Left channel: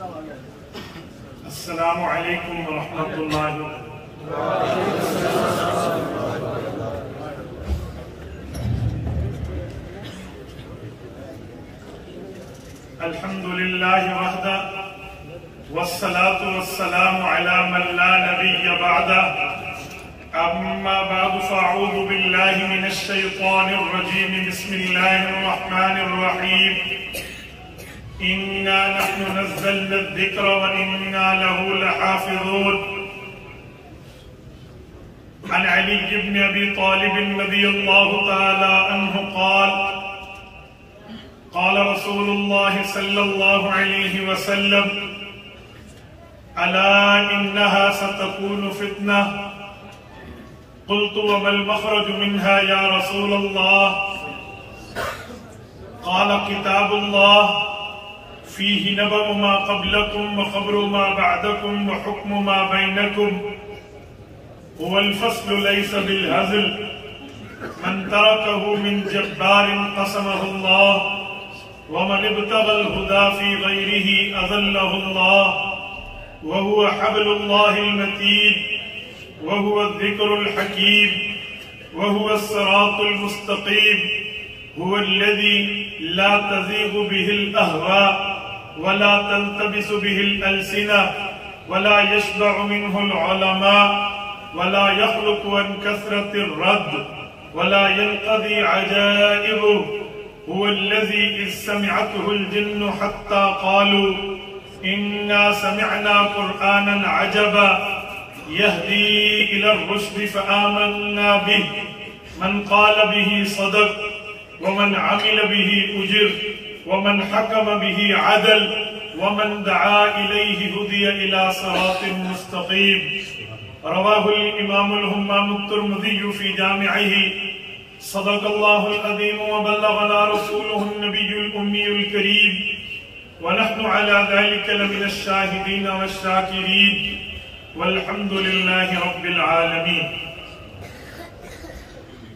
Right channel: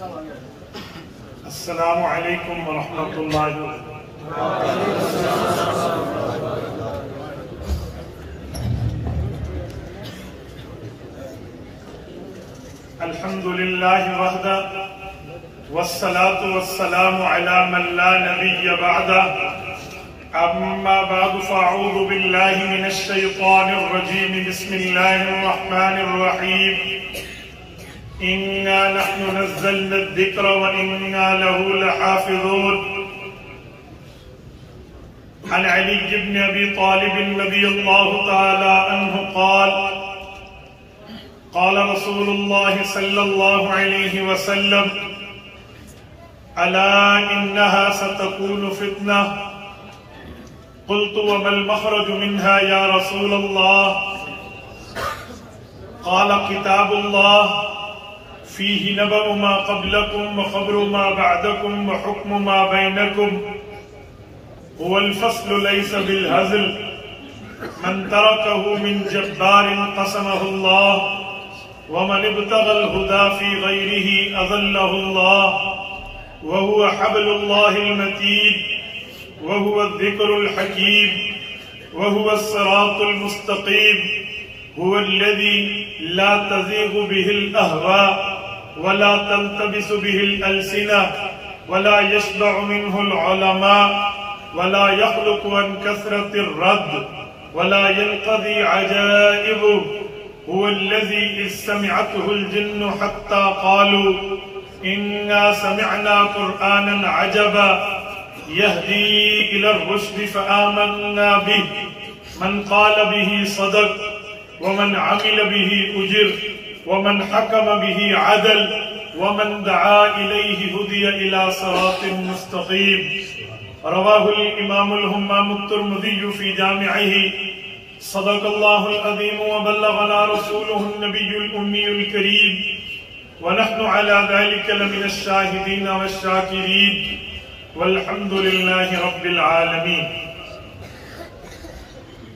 السلام علیکم ورحمۃ اللہ الحمد للہ وحدہ والصلاة والسلام علی من لا نبی بعدہ اما بعد فاعوذ باللہ من الشیطان الرجیم بسم اللہ الرحمن الرحیم انا نحن نزلنا الذکر وانا له لحافظون عن علی بن ابی طالب رضی اللہ تعالی عنہ قال قال رسول الله صلى الله عليه وسلم ألا إنها ستكون فتنة قلت وما المخرج منها يا رسول الله قال كتاب الله فيه نبأ ما قبلكم وخبر ما بعدكم وحكم ما بينكم هو الفصل ليس بالهزل من تركه من جبار قسمه الله ومن ابتغى الهدى في غيره أظله الله وهو حبل الله المتين وهو الذكر الحكيم وهو الصراط المستقيم هو الذي لا تزيغ به الأهواء ولا تلتبس به الألسنة ولا يشبع منه العلماء ولا يخلق عن كثرة الرد ولا ينقضي عجائبه هو الذي إذ سمعته الجن حتى قالوا إنا سمعنا قرآنا عجبا يهدي إلى الرشد فآمنا به من قال به صدق ومن عمل به أجر ومن حكم به عدل ومن دعا إليه هدي إلى صراط مستقيم رواه الإمام الهمام الترمذي في جامعه صدق الله العظيم وبلغنا رسوله النبي الأمي الكريم ونحن على ذلك لمن الشاهدين والشاكرين والحمد لله رب العالمين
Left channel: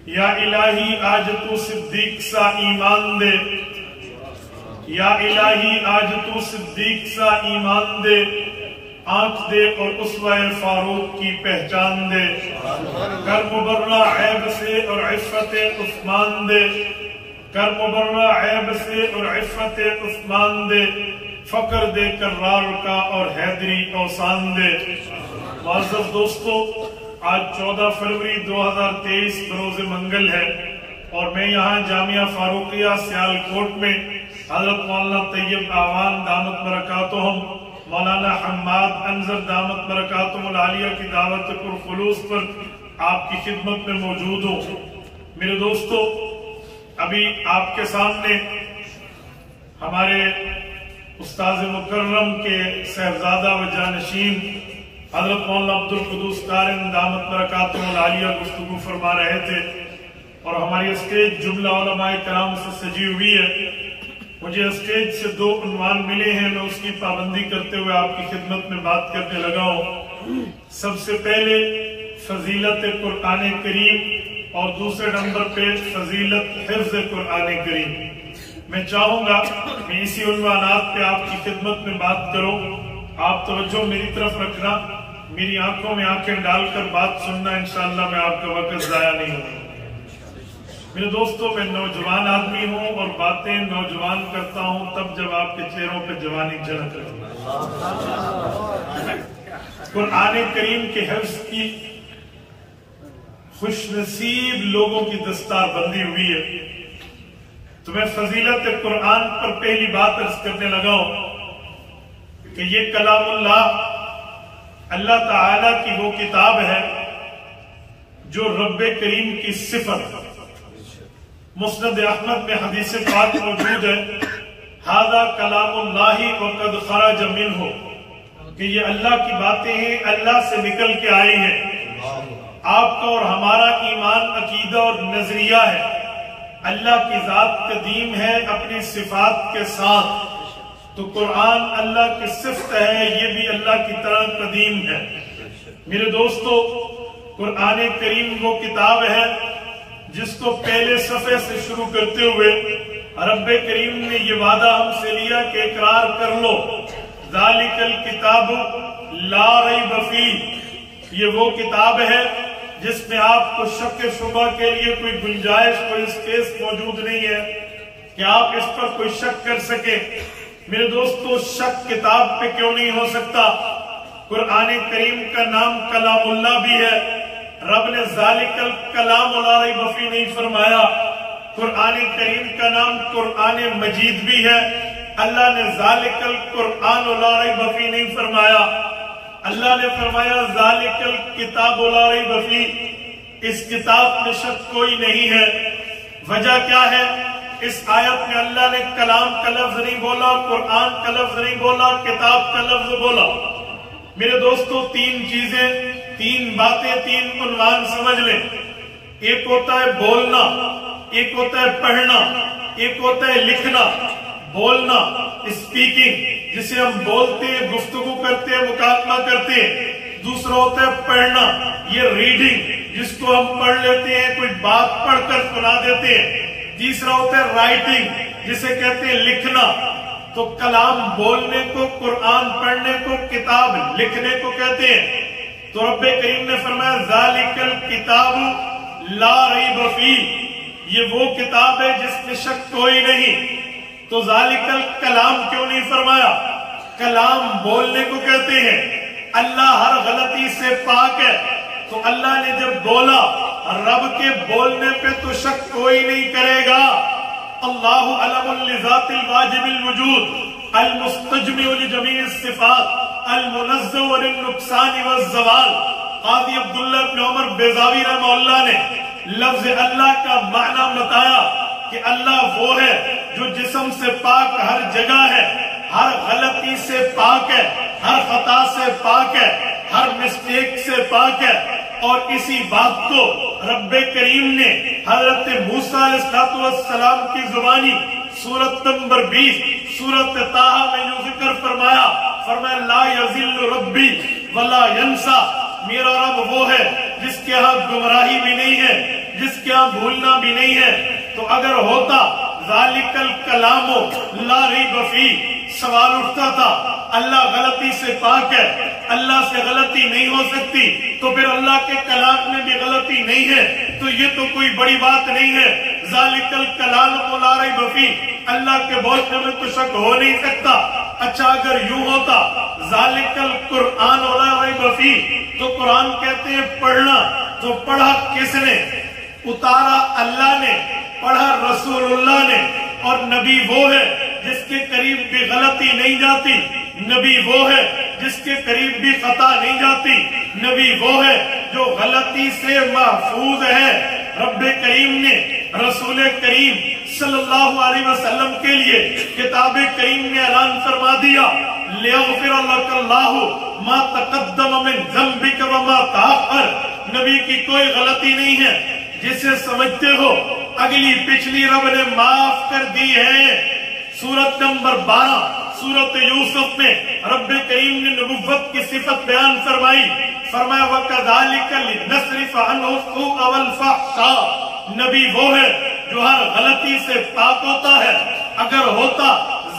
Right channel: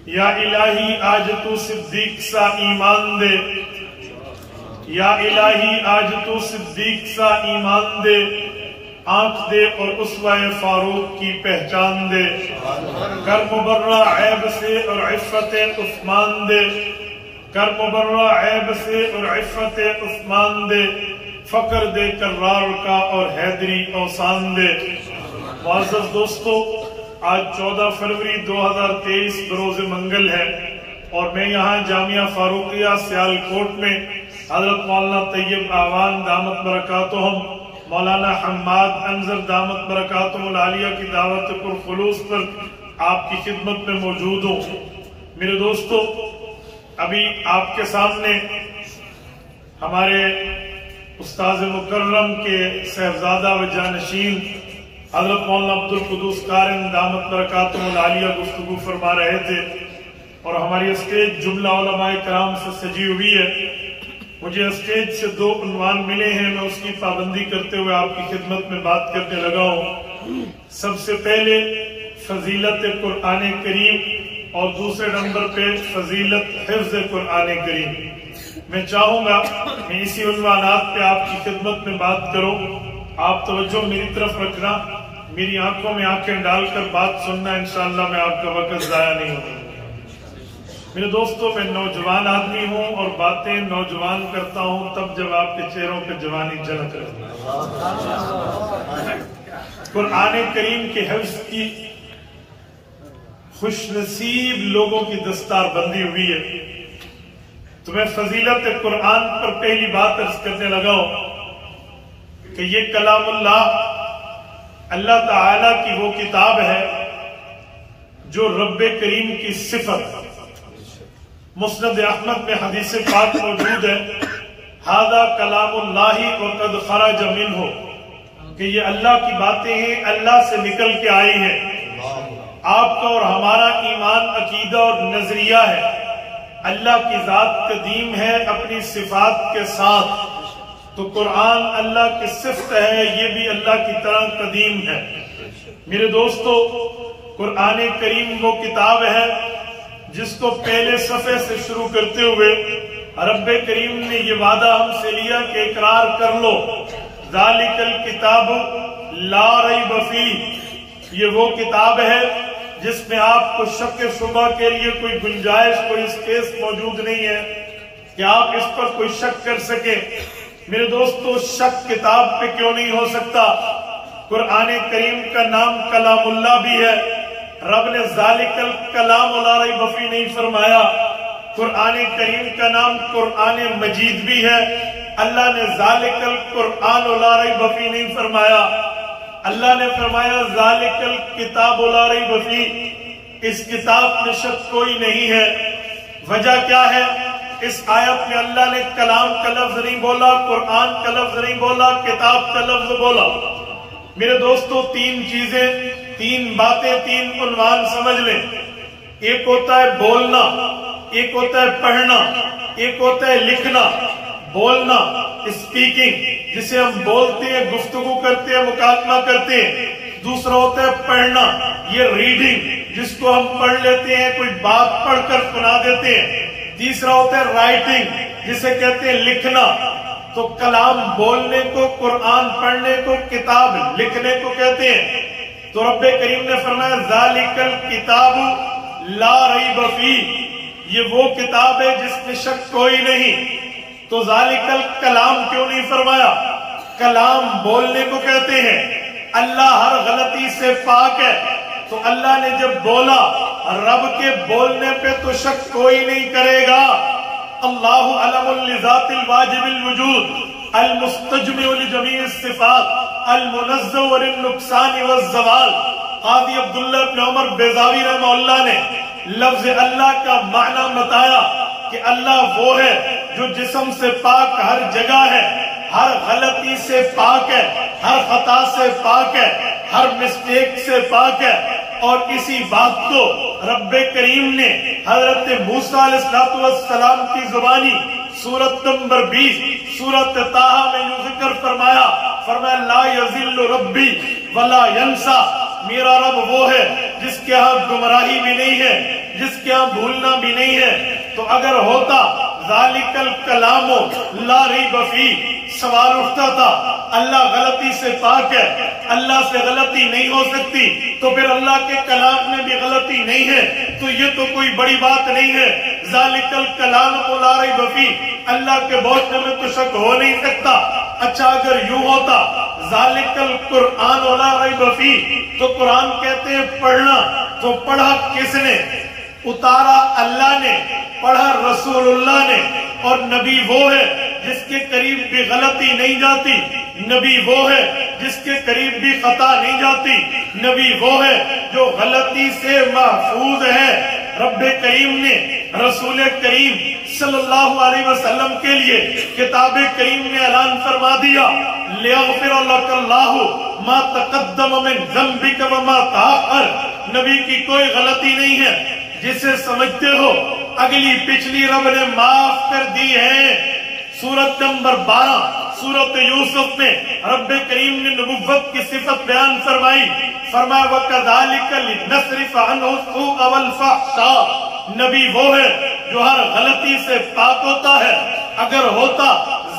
یا الہی آج تو صدیق سا ایمان دے یا الہی آج تو صدیق سا ایمان دے آنکھ دے اور اسوہ فاروق کی پہچان دے کر مبرہ عیب سے اور عفت عثمان دے کر مبرہ عیب سے اور عفت عثمان دے فقر دے کرار کا اور حیدری اوسان دے معزز دوستو آج 14 فروری 2023 بروز منگل ہے اور میں یہاں جامعہ فاروقیہ سیالکوٹ میں حضرت مولانا طیب اعوان دامت برکاتہم مولانا حماد انظر دامت برکاتہم العالیہ کی دعوت پرخلوص پر آپ کی خدمت میں موجود ہوں میرے دوستو ابھی آپ کے سامنے ہمارے استاذ مکرم کے صاحبزادہ و جانشین حضرت مولانا عبدالقدوس قارن دامت برکاتہم العالیہ گفتگو فرما رہے تھے اور ہماری اسٹیج جملہ علماء کرام سے سجی ہوئی ہے مجھے اسٹیج سے 2 عنوان ملے ہیں میں اس کی پابندی کرتے ہوئے آپ کی خدمت میں بات کرنے لگا ہوں سب سے پہلے فضیلت قرآن کریم اور دوسرے نمبر پہ فضیلت حفظ قرآن کریم میں چاہوں گا کہ اسی عنوانات پہ آپ کی خدمت میں بات کروں آپ توجہ میری طرف رکھنا میری آنکھوں میں آنکھیں ڈال کر بات سننا انشاءاللہ میں آپ کا وقت ضائع نہیں ہوگا میرے دوستو میں نوجوان آدمی ہوں اور باتیں نوجوان کرتا ہوں تب جب آپ کے چہروں پہ جوانی جھلک رہی قرآن کریم کے حفظ کی خوش نصیب لوگوں کی دستار بندی ہوئی ہے تو میں فضیلت قرآن پر پہلی بات عرض کرنے لگا ہوں کہ یہ کلام اللہ تعالیٰ کی وہ کتاب ہے جو رب کریم کی صفت مسند احمد میں حدیث پاک موجود ہے ھذا کلام اللہ وقد خرج منہ کہ یہ اللہ کی باتیں ہیں اللہ سے نکل کے آئی ہیں آپ کا اور ہمارا ایمان عقیدہ اور نظریہ ہے اللہ کی ذات قدیم ہے اپنی صفات کے ساتھ تو قرآن اللہ کی صفت ہے یہ بھی اللہ کی طرح قدیم ہے میرے دوستو قرآن کریم وہ کتاب ہے جس کو پہلے صفحے سے شروع کرتے ہوئے رب کریم نے یہ وعدہ ہم سے لیا کہ اقرار کر لو ذالکل کتاب لا ریب فیہ، یہ وہ کتاب ہے جس میں آپ کو شک شبہ کے لیے کوئی گنجائش، کوئی اسپیس موجود نہیں ہے کہ آپ اس پر کوئی شک کر سکیں۔ میرے دوستو، شک کتاب پہ کیوں نہیں ہو سکتا؟ قرآن کریم کا نام کلام اللہ بھی ہے، رب نے ذالکل کلام لا ریب فیہ نہیں فرمایا۔ قرآن کریم کا نام قرآن مجید بھی ہے، اللہ نے ذالکل قرآن لا ریب فیہ نہیں فرمایا، اللہ نے فرمایا ذالکل کتاب لا ریب فیہ، اس کتاب میں شک کوئی نہیں ہے۔ وجہ کیا ہے؟ اس آیت میں اللہ نے کلام کا لفظ نہیں بولا، قرآن کا لفظ نہیں بولا، کتاب کا لفظ بولا۔ میرے دوستو، تین چیزیں، تین باتیں، تین عنوان سمجھ لیں۔ ایک ہوتا ہے بولنا، ایک ہوتا ہے پڑھنا، ایک ہوتا ہے لکھنا۔ بولنا اسپیکنگ، جسے ہم بولتے ہیں، گفتگو کرتے ہیں، مکالمہ کرتے ہیں۔ دوسرا ہوتا ہے پڑھنا، یہ ریڈنگ، جس کو ہم پڑھ لیتے ہیں، کوئی بات پڑھ کر سنا دیتے ہیں۔ تیسرا ہوتا ہے رائٹنگ، جسے کہتے ہیں لکھنا۔ تو کلام بولنے کو، قرآن پڑھنے کو، کتاب لکھنے کو کہتے ہیں۔ تو رب کریم نے فرمایا ذالکل کتاب لا ریب فیہ، یہ وہ کتاب ہے جس میں شک کوئی نہیں۔ تو ذالکل کلام کیوں نہیں فرمایا؟ کلام بولنے کو کہتے ہیں، اللہ ہر غلطی سے پاک ہے۔ تو اللہ نے جب بولا، رب کے بولنے پہ تو شک کوئی نہیں کرے گا۔ اللہ علم لذات الواجب الوجود المستجمع لجمیع الصفات المنزہ للنقصان والزوال۔ قاضی عبداللہ بن عمر بیضاوی رحمہ اللہ نے لفظ اللہ کا معنی بتایا کہ اللہ وہ ہے جو جسم سے پاک ہر جگہ ہے، ہر غلطی سے پاک ہے، ہر خطا سے پاک ہے، ہر مسٹیک سے پاک ہے۔ اور اسی بات کو رب کریم نے حضرت موسیٰ علیہ السلام کی زبانی سورت نمبر 20 سورت طٰ میں یوں ذکر فرمایا لا یضل ربی ولا ینسا، میرا رب وہ ہے جس کے ہاں گمراہی بھی نہیں ہے، جس کے ہاں بھولنا بھی نہیں ہے۔ تو اگر ہوتا ذالکل کلام لا ریب فیہ، سوال اٹھتا تھا اللہ غلطی سے پاک ہے، اللہ سے غلطی نہیں ہو سکتی، تو پھر اللہ کے کلام میں بھی غلطی نہیں ہے، تو یہ تو کوئی بڑی بات نہیں ہے۔ ذالکل کلام لا ریب فیہ، اللہ کے بولنے میں تو شک ہو نہیں سکتا۔ اچھا اگر یوں ہوتا ذالکل قرآن لا ریب فیہ، تو قرآن کہتے ہیں پڑھنا، تو پڑھا کس نے؟ اتارا اللہ نے، پڑھا رسول اللہ نے۔ اور نبی وہ ہے جس کے قریب بھی غلطی نہیں جاتی، نبی وہ ہے جس کے قریب بھی خطا نہیں جاتی، نبی وہ ہے جو غلطی سے محفوظ ہے۔ رب کریم نے رسول کریم صلی اللہ علیہ وسلم کے لیے کتاب کریم میں اعلان فرما دیا لِيَغْفِرَ لَكَ اللَّهُ مَا تَقَدَّمَ مِن ذَنبِكَ وَمَا تَأَخَّرَ۔ نبی کی کوئی غلطی نہیں ہے، جسے سمجھتے ہو اگلی پچھلی رب نے معاف کر دی ہے۔ سورت نمبر 12 سورت یوسف میں رب کریم نے نبوت کی صفت بیان فرمائی، فرمایا وَكَذَلِكَ لِنَصْرِفَ عَنْهُ السُّوءَ وَالْفَحْشَاءَ۔ نبی وہ ہے جو ہر غلطی سے پاک ہوتا ہے۔ اگر ہوتا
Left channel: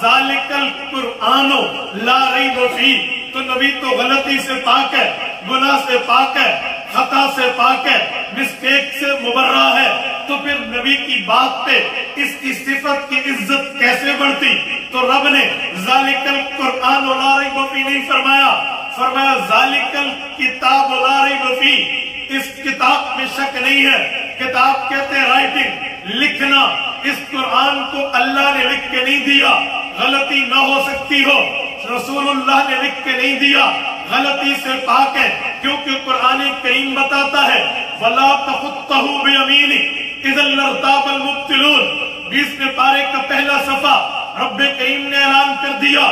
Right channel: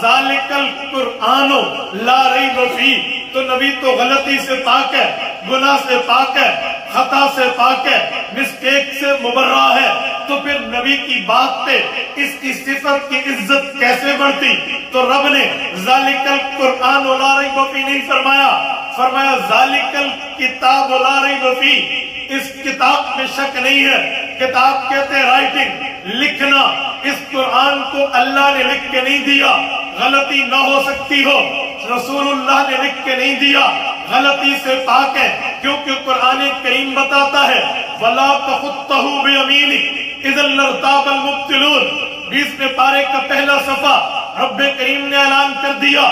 ذالکل قرآن لا ریب فیہ، تو نبی تو غلطی سے پاک ہے، گناہ سے پاک ہے، خطا سے پاک ہے، مسٹیک سے مبرہ ہے، تو پھر نبی کی بات پہ اس کی صفت کی عزت کیسے بڑھتی؟ تو رب نے ذالکل قرآن لا ریب فیہ نہیں فرمایا ذالکل کتاب لا ریب فیہ، اس کتاب میں شک نہیں ہے۔ کتاب کہتے ہیں رائٹنگ، لکھنا۔ اس قرآن کو اللہ نے لکھ کے نہیں دیا غلطی نہ ہو سکتی ہو، رسول اللہ نے لکھ کے نہیں دیا، غلطی سے پاک ہے، کیونکہ قرآن کریم بتاتا ہے وَلَا تَخُطَّهُ بِيَمِينِكَ إِذًا لَارْتَابَ الْمُبْطِلُونَ۔ 20ویں پارے کا پہلا صفحہ رب کریم نے اعلان کر دیا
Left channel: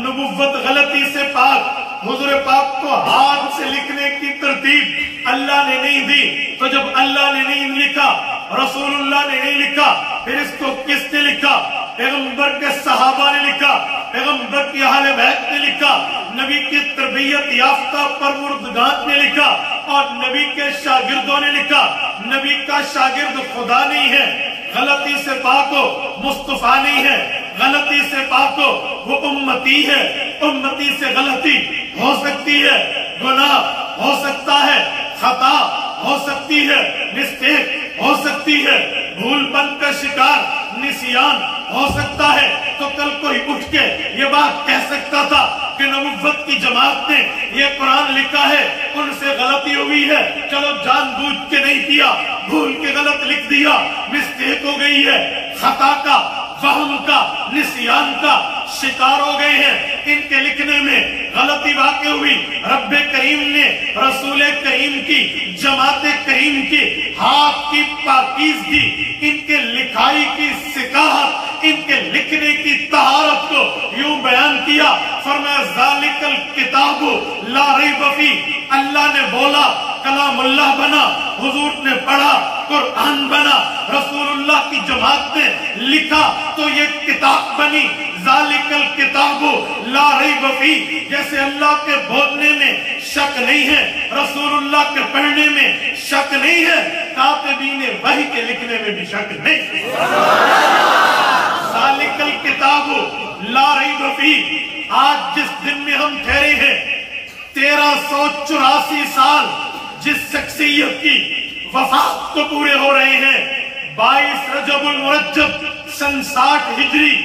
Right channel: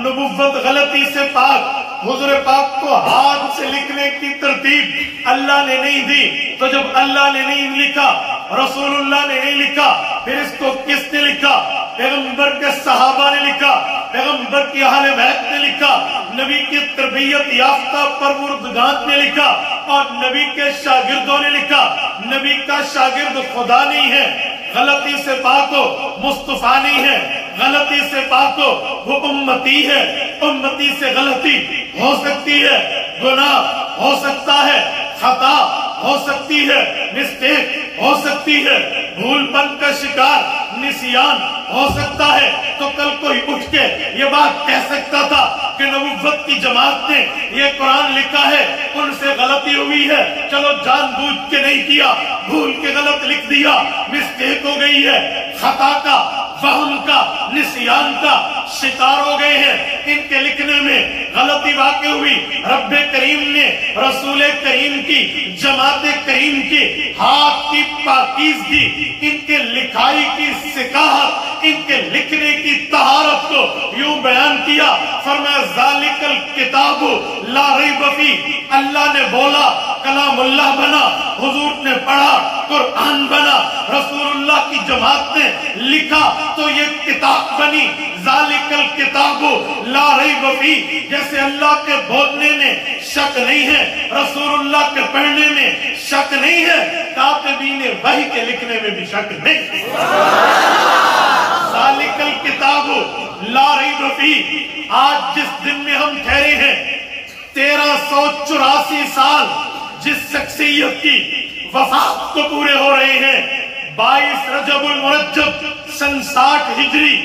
نبوت غلطی سے پاک۔ حضور پاک کو ہاتھ سے لکھنے کی ترتیب اللہ نے نہیں دی، تو جب اللہ نے نہیں لکھا، رسول اللہ نے نہیں لکھا، پھر اس کو کس نے لکھا؟ پیغمبر کے صحابہ نے لکھا، پیغمبر کی اہل بیت نے لکھا، نبی کی تربیت یافتہ پروردگار نے لکھا، اور نبی کے شاگردوں نے لکھا۔ نبی کا شاگرد خدا نہیں ہے، غلطی سے پاک ہو، مصطفیٰ نہیں ہے، غلطی سے پاک ہو، وہ امتی ہے، امتی سے غلطی ہو سکتی ہے، گناہ ہو سکتا ہے، خطا ہو سکتی ہے، مسٹیک ہو سکتی ہے، بھول بن کا شکار نسیان ہو سکتا ہے۔ تو کل کوئی اٹھ کے یہ بات کہہ سکتا تھا کہ نبوت کی جماعت نے یہ قرآن لکھا ہے، ان سے غلطی ہوئی ہے، چلو جان بوجھ کے نہیں کیا، بھول کے غلط لکھ دیا، مسٹیک ہو گئی ہے، خطا کا، وہم کا، نسیان کا شکار ہو گئے ہیں، ان کے لکھنے میں غلطی واقع ہوئی۔ رب کریم نے رسول کریم کی، جماعت کریم کی ہاتھ کی پاکیزگی، ان کے لکھائی کی سکاحت، ان کے لکھنے کی طہارت کو یوں بیان کیا، فرمایا ذالک الکتاب لا ریب فیہ، اللہ نے بولا کلام اللہ بنا، حضور نے پڑھا قرآن بنا، رسول اللہ کی جماعت نے لکھا تو یہ کتاب بنی۔ ذالک الکتاب لا ریب فیہ، جیسے اللہ کے بولنے میں شک نہیں ہے، رسول اللہ کے پڑھنے میں شک نہیں ہے، کاتبین وحی کے لکھنے میں بھی شک نہیں ہے۔ ذالک الکتاب لا ریب فیہ، آج جس دن میں ہم ٹھہرے ہیں، 1384 سال جس شخصیت کی وفات کو پورے ہو رہے ہیں، 22 رجب المرجب سن 60 ہجری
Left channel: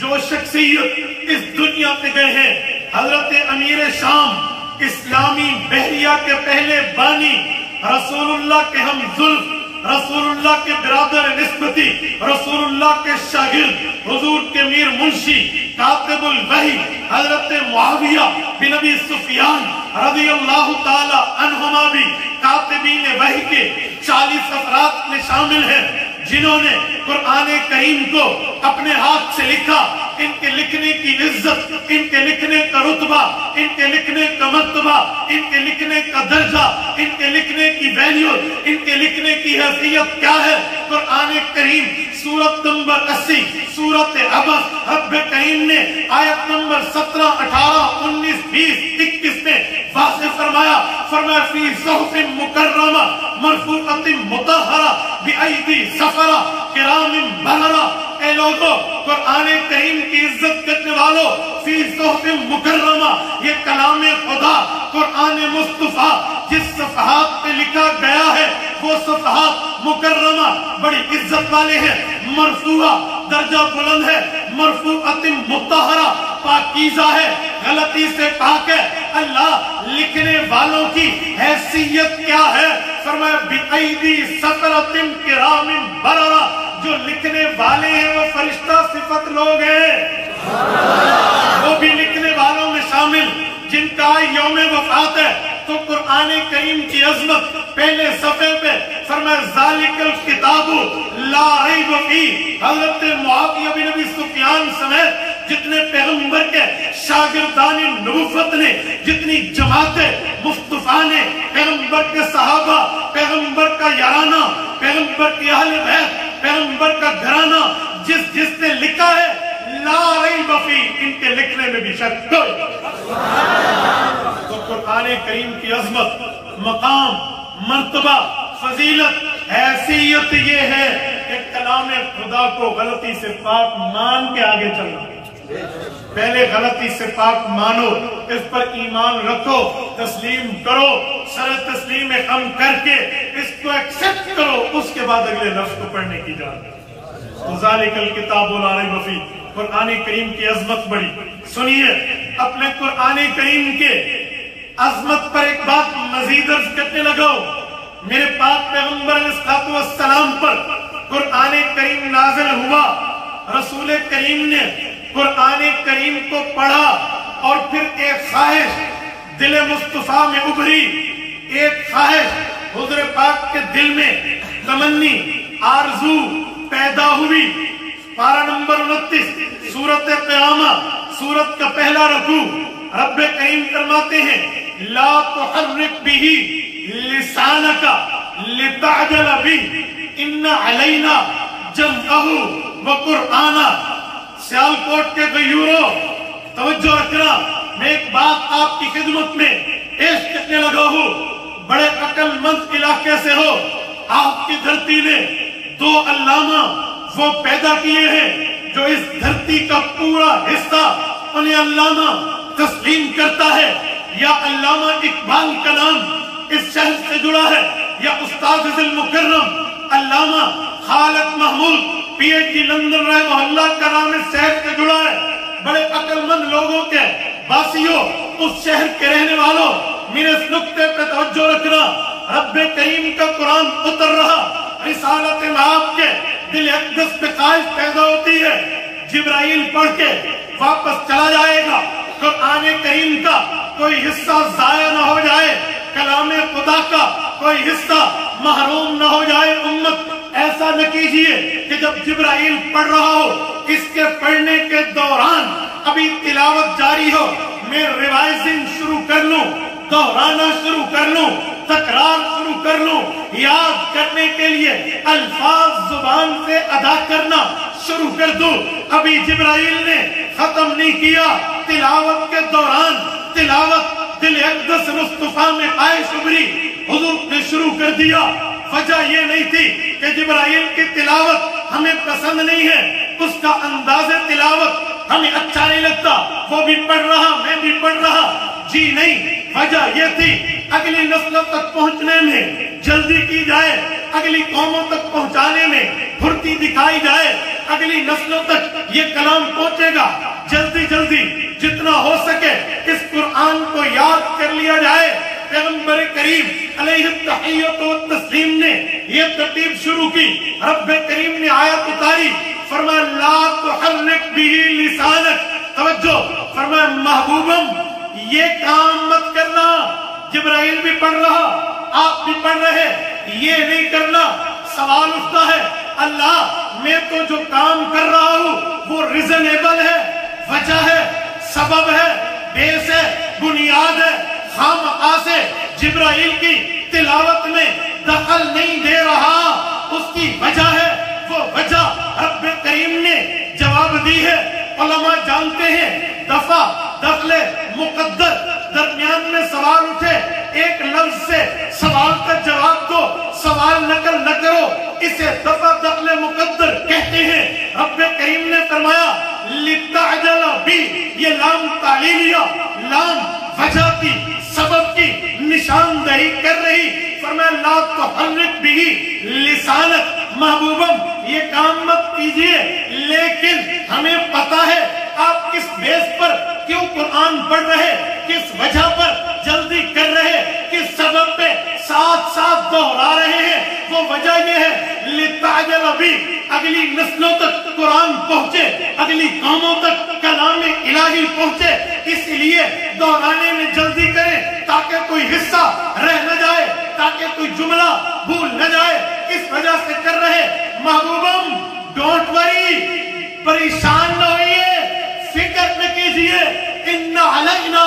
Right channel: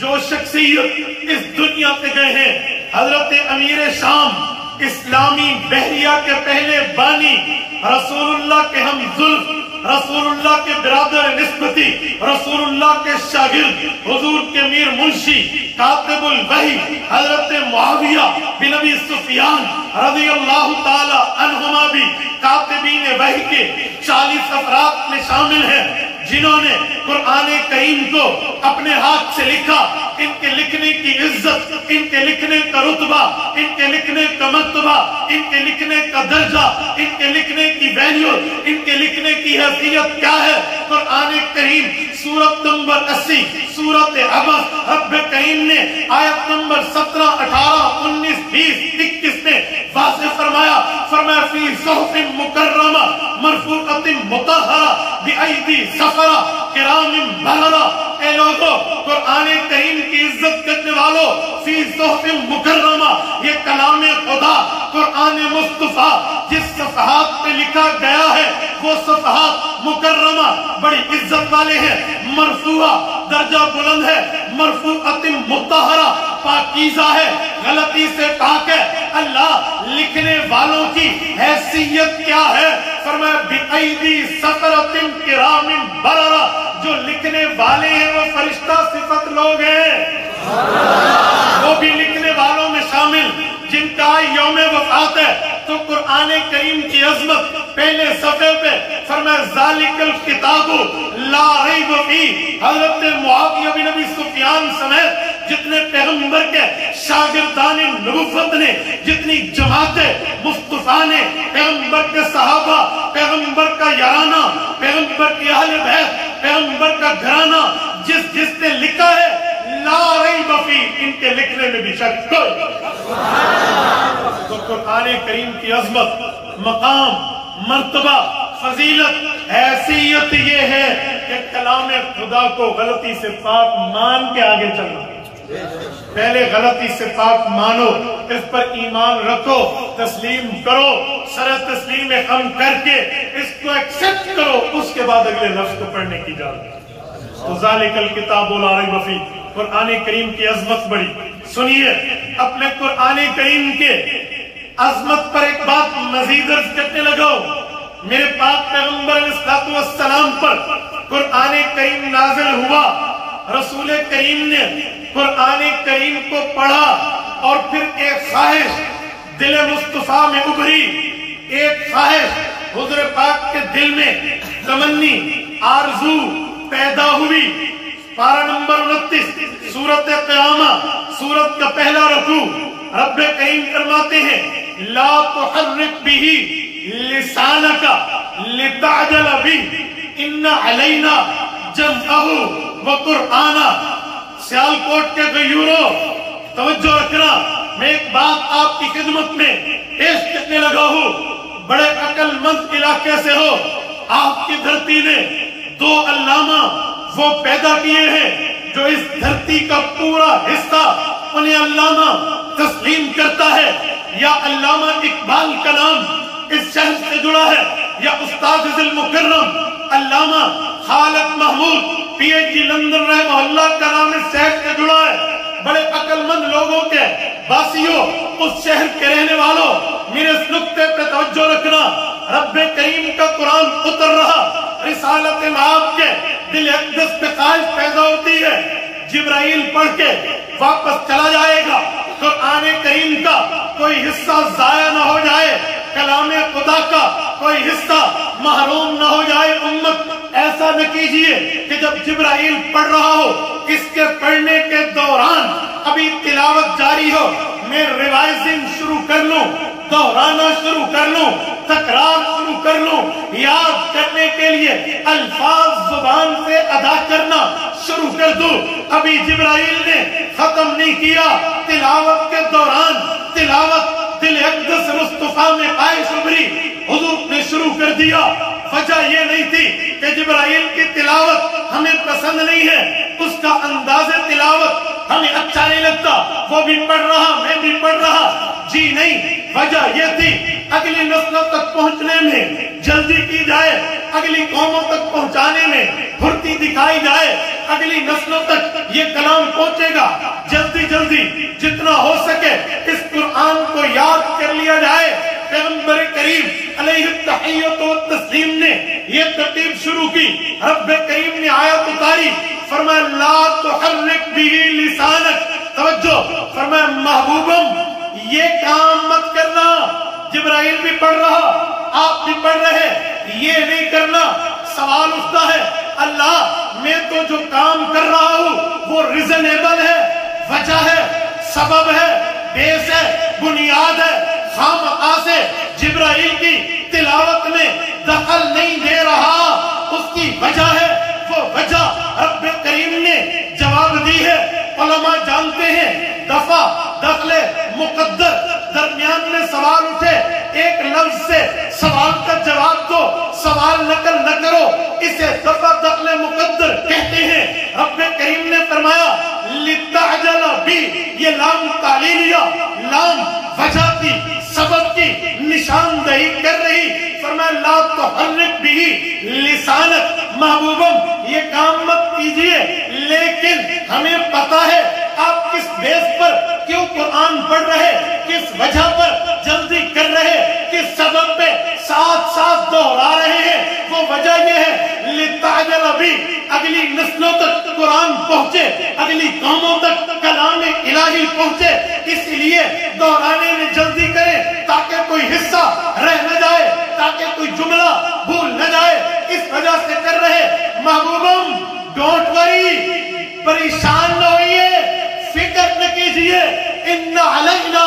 جو شخصیت اس دنیا پہ گئے ہیں، حضرت امیر شام، اسلامی بحریہ کے پہلے بانی، رسول اللہ کے ہم زلف، رسول اللہ کے برادر نسبتی، رسول اللہ کے شاگرد، حضور کے میر منشی، کاتب الوحی، حضرت معاویہ بن ابی سفیان رضی اللہ تعالی عنہما بھی کاتبین وحی کے 40 افراد میں شامل ہیں جنہوں نے قرآن کریم کو اپنے ہاتھ سے لکھا۔ ان کے لکھنے کی عزت، ان کے لکھنے کا رتبہ، ان کے لکھنے کا مرتبہ، ان کے لکھنے کا درجہ، ان کے لکھنے کی ویلیو، ان کے لکھنے کی حیثیت کیا ہے؟ قرآن کریم سورت نمبر 80 سورت عبس، رب کریم نے آیت نمبر 17، 18، 19، 20، 21 میں واضح فرمایا فی صحف مکرمہ مرفوعۃ مطہرہ بأیدی سفرہ کرام بررہ۔ اے لوگوں، قرآن کریم کی عزت کرنے والوں، فی صحف مکرمہ، یہ کلام خدا، قرآن مصطفیٰ جس صفحات پہ لکھا گیا ہے وہ صفحات مکرمہ بڑی عزت والے ہیں، مرفوعہ درجہ بلند ہے، مرفوعۃ مطہرہ پاکیزہ ہے، غلطی سے پاک ہے۔ اللہ لکھنے والوں کی حیثیت کیا ہے؟ فرمایا بِأَيْدِي سَفَرَةٍ كِرَامٍ بَرَرَةٍ، جو لکھنے والے ہیں وہ فرشتہ صفت لوگ ہیں، وہ بھی لکھنے والوں میں شامل جن کا یوم وفات ہے۔ تو قرآن کریم کی عظمت پہلے صفحے پہ فرمایا ذالک الکتاب لا ریب فیہ، حضرت معاویہ بن ابی سفیان سمیت جتنے پیغمبر کے شاگردان نبوت نے، جتنی جماعتیں مصطفیٰ نے، پیغمبر کے صحابہ، پیغمبر کا یارانہ، پیغمبر کی اہل بیت، پیغمبر کا گھرانہ، جس نے لکھا ہے لا ریب فیہ، ان کے لکھنے میں بھی شک کوئی۔ تو قرآن کریم کی عظمت، مقام، مرتبہ، فضیلت، حیثیت یہ ہے کہ کلام خدا کو غلطی سے پاک مان کے آگے چلنا۔ پہلے غلطی سے پاک مانو، اس پر ایمان رکھو، تسلیم کرو، سر تسلیم خم کر کے اس کو ایکسپٹ کرو، اس کے بعد اگلے لفظ کو پڑھنے کی اجازت۔ ذالک الکتاب لا ریب فیہ، قرآن کریم کی عظمت بڑی۔ سنیے، اب میں قرآن کریم کے عظمت پر ایک بات مزید عرض کرنے لگا ہوں۔ میرے پاک پیغمبر علیہ السلام پر قرآن کریم نازل ہوا، رسول کریم نے قرآن کریم کو پڑھا اور پھر ایک خواہش دل مصطفیٰ میں ابھری، ایک خواہش حضور پاک کے دل میں تمنی، آرزو پیدا ہوئی۔ پارہ نمبر 29 سورت قیامہ، سورت کا پہلا رکوع، رب کریم فرماتے ہیں لا تحرک بہ لسانک لتعجل بہ ان علینا جمعہ وقرآنہ۔ سیالکوٹ کے غیوروں توجہ رکھنا، میں ایک بات آپ کی خدمت میں پیش کرنے لگا ہوں، بڑے عقل مند علاقے سے ہو، آپ کی دھرتی نے 2 علامہ وہ پیدا کیے ہیں جو اس دھرتی کا پورا حصہ انہیں علامہ تسلیم کرتا ہے، یا علامہ اقبال کا نام اس شہر سے جڑا ہے، یا استاد المکرم علامہ Khalid Mahmood P H D London رحمہ اللہ کا نام اس شہر سے جڑا ہے، بڑے عقل مند لوگوں کے باسیوں، اس شہر کے رہنے والوں، میرے اس نقطے پہ توجہ رکھنا، رب کریم کا قرآن اتر رہا، رسالت آپ کے دل اقدس پہ خواہش پیدا ہوتی ہے، جبرائیل پڑھ کے واپس چلا جائے گا، قرآن کریم کا کوئی حصہ ضائع نہ ہو جائے، کلام خدا کا کوئی حصہ محروم نہ ہو جائے۔ امت ایسا نہ کیجئے کہ جب جبرائیل پڑھ رہا ہو، اس کے پڑھنے کے دوران ابھی تلاوت جاری ہو، میں ریوائزنگ شروع کر لوں، دہرانا شروع کر لوں، تکرار شروع کر لوں، یاد کرنے کے لیے الفاظ زبان سے ادا کرنا شروع کر دوں۔ ابھی جبرائیل نے ختم نہیں کیا، تلاوت کے دوران تلاوت دل اقدس مصطفیٰ میں عائش ابری، حضور نے شروع کر دیا۔ وجہ یہ نہیں تھی کہ جبرائیل کی تلاوت ہمیں پسند نہیں ہے، اس کا انداز تلاوت ہمیں اچھا نہیں لگتا، وہ بھی پڑھ رہا میں بھی پڑھ رہا، جی نہیں، وجہ یہ تھی اگلی نسلوں تک پہنچنے میں جلدی کی جائے، اگلی قوموں تک پہنچانے میں پھرتی دکھائی جائے، اگلی نسلوں تک یہ کلام پہنچے گا، جلدی جلدی جتنا ہو سکے اس قرآن کو یاد کر لیا جائے۔ پیغمبر کریم علیہ التحیت و تسلیم نے یہ ترتیب شروع کی، رب کریم نے آیت اتاری، فرمایا لا تحرک به لسانک، توجہ، فرمایا محبوبم یہ کام مت کرنا، جبرائیل بھی پڑھ رہا آپ بھی پڑھ رہے، یہ نہیں کرنا۔ سوال اٹھتا ہے اللہ میں تو جو کام کر رہا ہوں وہ ریزنیبل ہے، وجہ ہے، سبب ہے، بیس ہے، بنیاد ہے، خامخواہ سے جبرائیل کی تلاوت میں دخل نہیں دے رہا، اس کی وجہ ہے، وہ وجہ رب کریم نے جواب دی ہے۔ علماء جانتے ہیں دفع، دخل، مقدر، درمیان میں سوال اٹھے، ایک لفظ سے سوال کا جواب دو، سوال نقل نہ کرو، اسے دفع، دخل، مقدر کہتے ہیں۔ رب کریم نے فرمایا لِتَعْجَلَ بِی، یہ لام تعلیلیہ، لام وجہ کی، سبب کی نشاندہی کر رہی، فرمایا لا تحرک بھی لسانک، محبوبم یہ کام مت کیجئے، لیکن ہمیں پتا ہے آپ کس بیس پر کیوں قرآن پڑھ رہے، کس وجہ پر جلدی کر رہے، کس سبب پہ ساتھ ساتھ دہرا رہے ہیں، وہ وجہ یہ ہے لِتَعْجَلَ بِی، اگلی نسلوں تک قرآن پہنچے، اگلی قوموں تک کلام الہی پہنچے، اس لیے دہرانے میں جلدی کریں تاکہ کوئی حصہ رہ نہ جائے، تاکہ کوئی جملہ بھول نہ جائے، اس وجہ سے کر رہے۔ محبوبم ڈونٹ وری، پریشان نہ ہوئیے، فکر نہ کیجئے، ان علینا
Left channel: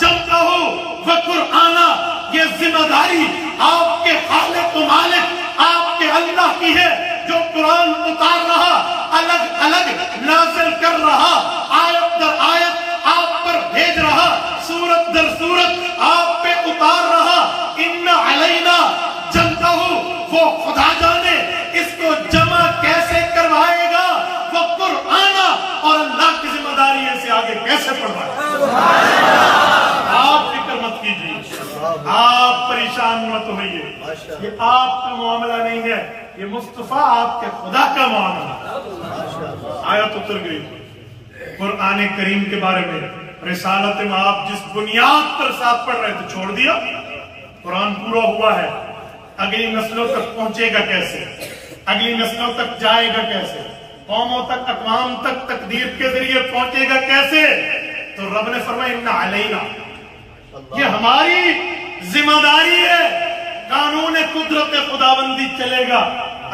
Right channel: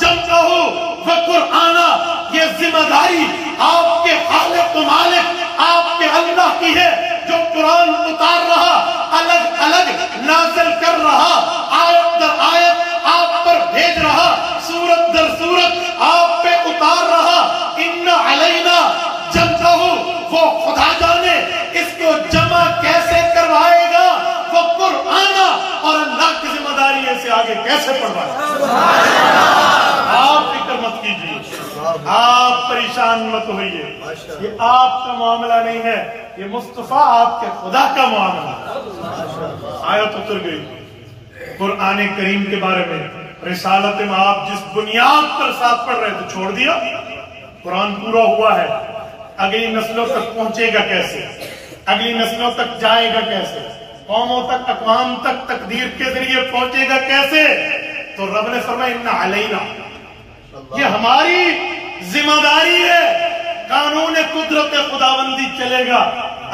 جمعہ و قرآنہ، یہ ذمہ داری آپ کے خالق و مالک آپ کے اللہ کی ہے، جو قرآن اتار رہا، الگ الگ نازل کر رہا، آیت در آیت آپ پر بھیج رہا، سورت در سورت آپ پہ اتار رہا۔ ان علینا جمعہ، وہ خدا جانے اس کو جمع کیسے کروائے گا، وہ قرآن اور اللہ کی ذمہ داری سے آگے کیسے پڑھوائے گا۔ آپ فکر مت کیجیے، آپ پریشان مت ہوئیے، یہ آپ کا معاملہ نہیں ہے، یہ مصطفیٰ آپ کے خدا کا معاملہ ہے۔ آیت اتر گئی قرآن کریم کے بارے میں، رسالت میں آپ جس بنیاد پر ساتھ پڑھ رہے تھے چھوڑ دیا، قرآن پورا ہوا ہے، اگلی نسلوں تک پہنچے گا کیسے، اگلی نسلوں تک جائے گا کیسے، قوموں تک، اقوام تک تقدیر کے ذریعے پہنچے گا کیسے؟ تو رب نے فرمایا ان علینا، یہ ہماری ذمہ داری ہے، قانون قدرت خداوندی چلے گا،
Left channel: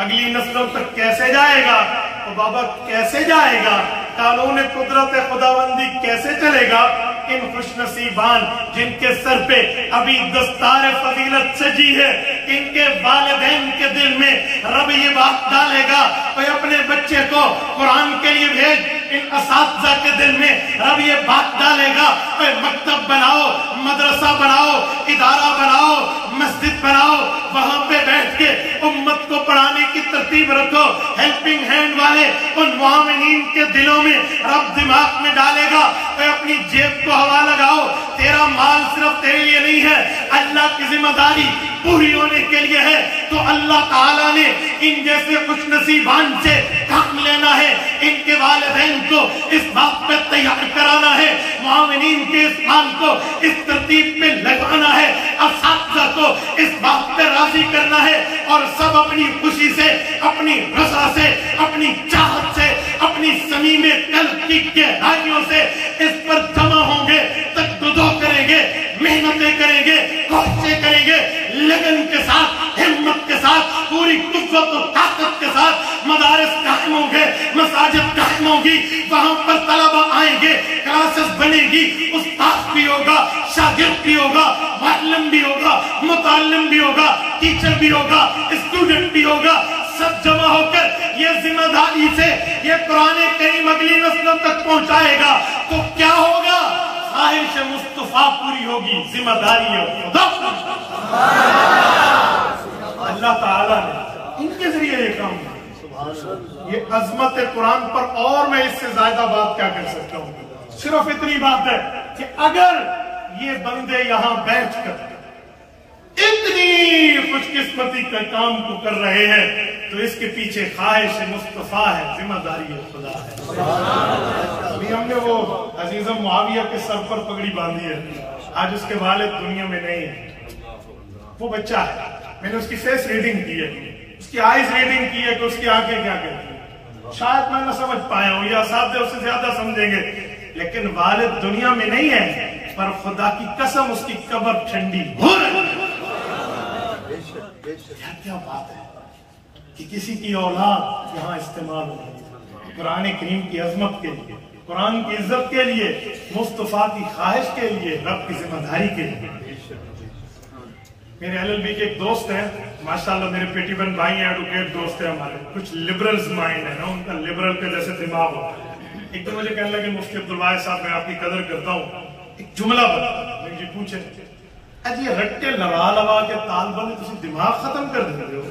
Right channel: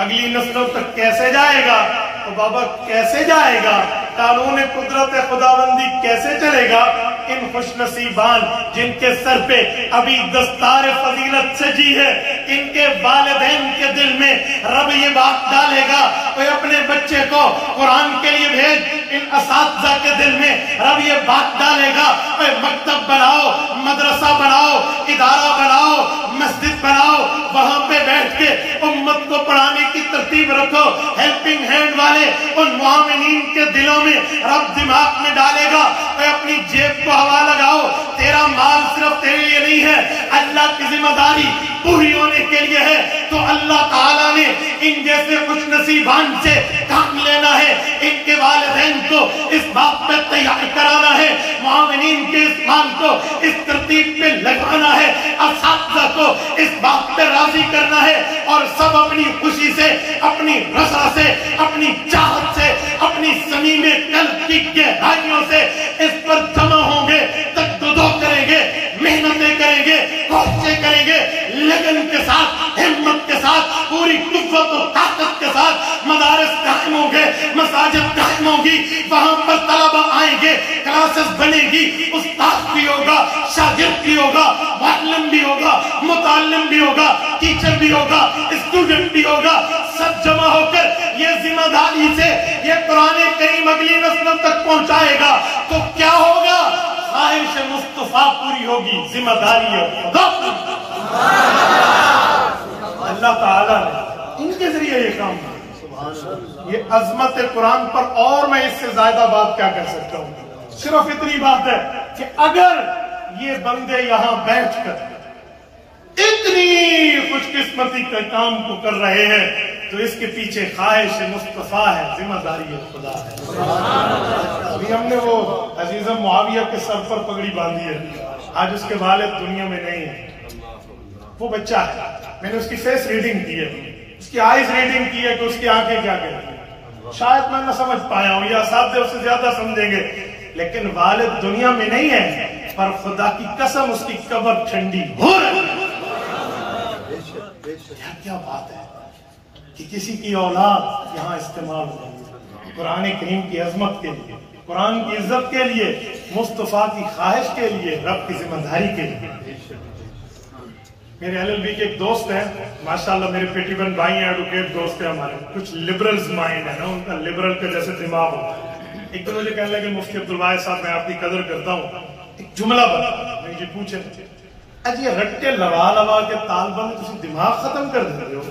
اگلی نسلوں تک کیسے جائے گا؟ تو بابا کیسے جائے گا؟ قانون قدرت خداوندی کیسے چلے گا؟ ان خوش نصیبان جن کے سر پہ ابھی دستار فضیلت سجی ہے، ان کے والدین کے دل میں رب یہ بات ڈالے گا کہ اپنے بچے کو قرآن کے لیے بھیج، ان اساتذہ کے دل میں رب یہ بات ڈالے گا کہ مکتب بناؤ، مدرسہ بناؤ، ادارہ بناؤ، مسجد بناؤ، وہاں پہ بیٹھ کے امت کو پڑھانے کی ترتیب رکھو۔ ہیلپنگ ہینڈ والے ان معاونین کے دلوں میں رب دماغ میں ڈالے گا کہ اپنی جیب کو ہوا لگاؤ، تیرا مال صرف تیرے لیے نہیں ہے، اللہ کی ذمہ داری پوری ہونے کے لیے ہے۔ تو اللہ تعالیٰ نے ان جیسے خوش نصیبان سے کام لینا ہے، ان کے والدین کو اس بات پہ تیار کرانا ہے، معاونین کے اس مال کو اس ترتیب پہ لگانا ہے، اساتذہ کو اس بات پہ راضی کرنا ہے، اور سب اپنی خوشی سے، اپنی رضا سے، اپنی چاہت سے، اپنی صمیم قلب کی گہرائیوں سے اس پر جمع ہوں گے، تجدد کریں گے، محنتیں کریں گے، کوششیں کریں گے، لگن کے ساتھ، ہمت کے ساتھ، پوری قوت و طاقت کے ساتھ مدارس قائم ہوں گے، مساجد قائم ہوں گی، وہاں پر طلبہ آئیں گے، کلاسز بنے گی، استاد بھی ہوگا، شاگرد بھی ہوگا، معلم بھی ہوگا، متعلم بھی ہوگا، ٹیچر بھی ہوگا، اسٹوڈنٹ بھی ہوگا، سب جمع ہو کر یہ ذمہ داری سے یہ قرآن کریم اگلی نسلوں تک پہنچائے گا تو کیا ہوگا؟ خواہش مصطفیٰ پوری ہوگی، ذمہ داری خدا اللہ تعالیٰ نے ان کے ذریعے یہ کام کیا۔ یہ عظمت قرآن پر اور میں اس سے زیادہ بات کیا کر سکتا ہوں؟ صرف اتنی بات ہے کہ اگر یہ بندے یہاں بیٹھ کر اتنی خوش قسمتی کے کام کو کر رہے ہیں تو اس کے پیچھے خواہش مصطفیٰ ہے، ذمہ داری خدا ہے۔ ابھی ہم نے وہ عزیز معاویہ کے سر پر پگڑی باندھی ہے، آج اس کے والد دنیا میں نہیں ہے، وہ بچہ ہے، میں نے اس کی فیس ریڈنگ کی ہے، اس کی آئیز ریڈنگ کی ہے کہ اس کی آنکھیں کیا کہتی ہیں، شاید میں نہ سمجھ پایا ہوں یا اساتذہ اس سے زیادہ سمجھیں گے، لیکن والد دنیا میں نہیں ہے، پر خدا کی قسم اس کی قبر ٹھنڈی ہو رہی ہے۔ کیا بات ہے کہ کسی کی اولاد یہاں استعمال ہو رہی ہے قرآن کریم کی عظمت کے لیے، قرآن کی عزت کے لیے، مصطفیٰ کی خواہش کے لیے، رب کی ذمہ داری کے لیے۔ میرے LLB کے ایک دوست ہیں، ماشاءاللہ میرے پیٹی بن بھائی ہیں، ایڈوکیٹ دوست ہیں ہمارے، کچھ لبرلز مائنڈ ہے نا، ان کا لبرل کے جیسے دماغ ہوتا ہے۔ ایک دن مجھے کہنے لگے مفتی عبدالواحد صاحب میں آپ کی قدر کرتا ہوں، ایک جملہ بتا، میں جی پوچھے یہ رٹے لگا لگا کے تال بند تسی دماغ ختم کر دیتے ہو،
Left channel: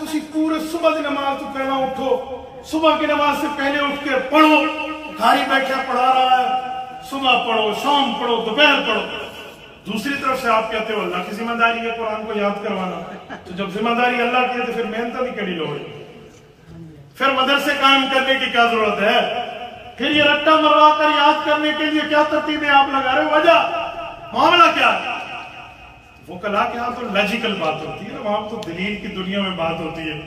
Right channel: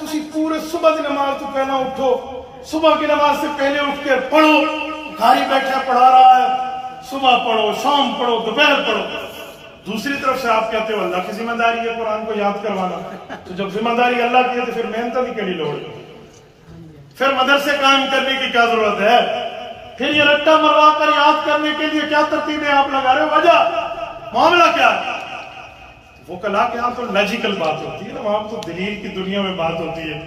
تسی پورے صبح کی نماز تو پہلا اٹھو، صبح کی نماز سے پہلے اٹھ کے پڑھو، گھر ہی بیٹھا پڑھا رہا ہے، صبح پڑھو، شام پڑھو، دوپہر پڑھو، دوسری طرف سے آپ کہتے ہو اللہ کی ذمہ داری ہے قرآن کو یاد کروانا، تو جب ذمہ داری اللہ کی ہے تو پھر محنت نہیں کری لوڑ، پھر مدرسے قائم کرنے کی کیا ضرورت ہے، پھر یہ رٹا مروا کر یاد کرنے کے لیے کیا ترتیبیں آپ لگا رہے ہو، وجہ معاملہ کیا ہے؟ وہ کلا کے ہاں تو لاجیکل بات ہوتی ہے نا، وہاں تو دلیل کی دنیا میں بات ہوتی ہے۔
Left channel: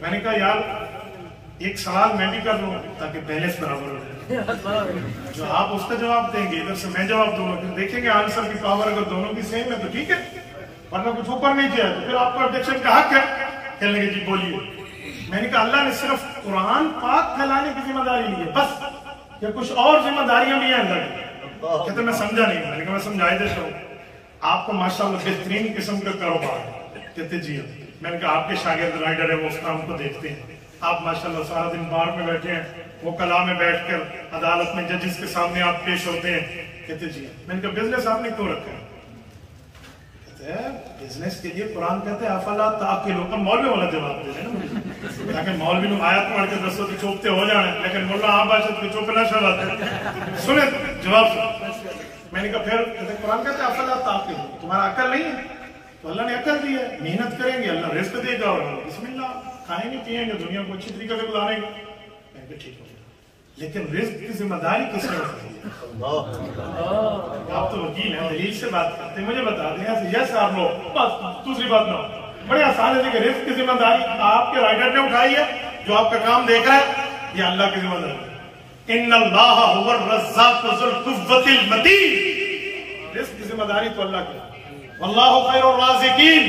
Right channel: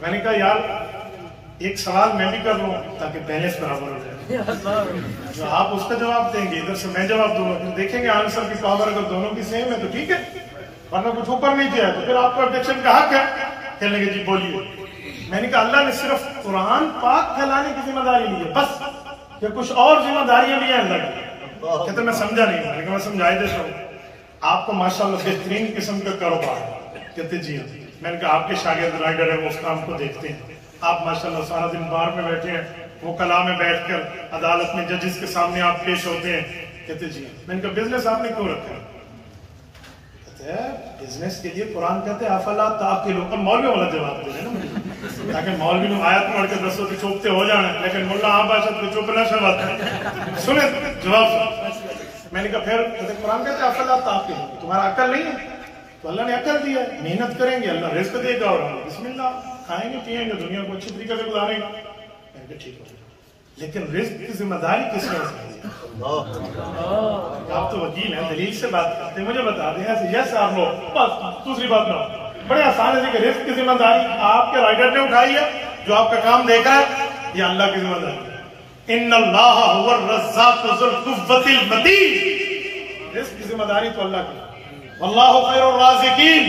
میں نے کہا یار ایک سوال میں بھی کر لوں تاکہ بیلنس برابر ہو جائے، جو آپ اس کا جواب دیں گے ادھر سے میں جواب دوں گا، پھر دیکھیں گے آنسر کی پاور اگر دونوں کی سیم ہے تو ٹھیک ہے، ورنہ کچھ اوپر نہیں کیا ہے تو پھر آپ کا آبجیکشن کا حق ہے۔ کہنے لگے جی بولیے۔ میں نے کہا اللہ نے صرف قرآن پاک پھیلانے کی ذمہ داری لی ہے بس، یا کچھ اور ذمہ داریاں بھی ہیں اللہ کی؟ کہتے میں سمجھا نہیں، میں نے کہا میں سمجھائے دیتا ہوں، آپ کو ماشاءاللہ بہترین قسم کا کاروبار ہے، کہتے جی ہاں، میں نے کہا آپ کے شاگرد رائڈر ہیں وہ اس کام کو دیکھتے ہیں، آپ ماشاءاللہ سارا دن بار میں بیٹھے ہیں، وہ کلا میں بیٹھ کر عدالت میں ججز کے سامنے آپ پیش ہوتے ہیں، کہتے جی میں نے کہا بزنس آپ نے کیوں رکھا ہے؟ کہتے ہیں بزنس کے لیے قرآن کہتے ہیں افلا تعقلون، اور مولوی والا جواب دے رہے ہیں نا، تاکہ مولوی لوگ آیت پڑھ کے دسو کہ چوپتے ہو جانا ہے، لیکن مولا آپ باشد کو چوپنا شروعات ہے، سنیں جواب سنیں۔ میں نے کہا پھر قرآن کہتے ہیں افلا تعقلون، تمہارا عقل نہیں ہے تو اللہ نے عقل دی ہے، محنت کریں گے اللہ رزق دے گا، اور بسم اللہ کھائیں گے پیئیں گے، دنیا کو اچھی طریقے سے گزاریں گے۔ میں نے کہا ٹھیک ہے، لیکن رزق کی ذمہ داری کس نے اٹھائی ہے؟ آپ تو وکیل ہیں، دلیل سے بات کرتے ہیں، مجھے بتا دیں یس آپ لوگ، بس دوسری بات نہ، بڑے آسان ہے کہ رزق کی ذمہ داری آپ کے رائڈر نے اٹھائی ہے، جو آپ کا کام دیکھ رہا ہے، یہ اللہ کی ذمہ داری ہے۔ ان اللہ هو الرزاق ذو القوة المتین، رزق کی ذمہ داری تو اللہ کی، واللہ خیر الرازقین،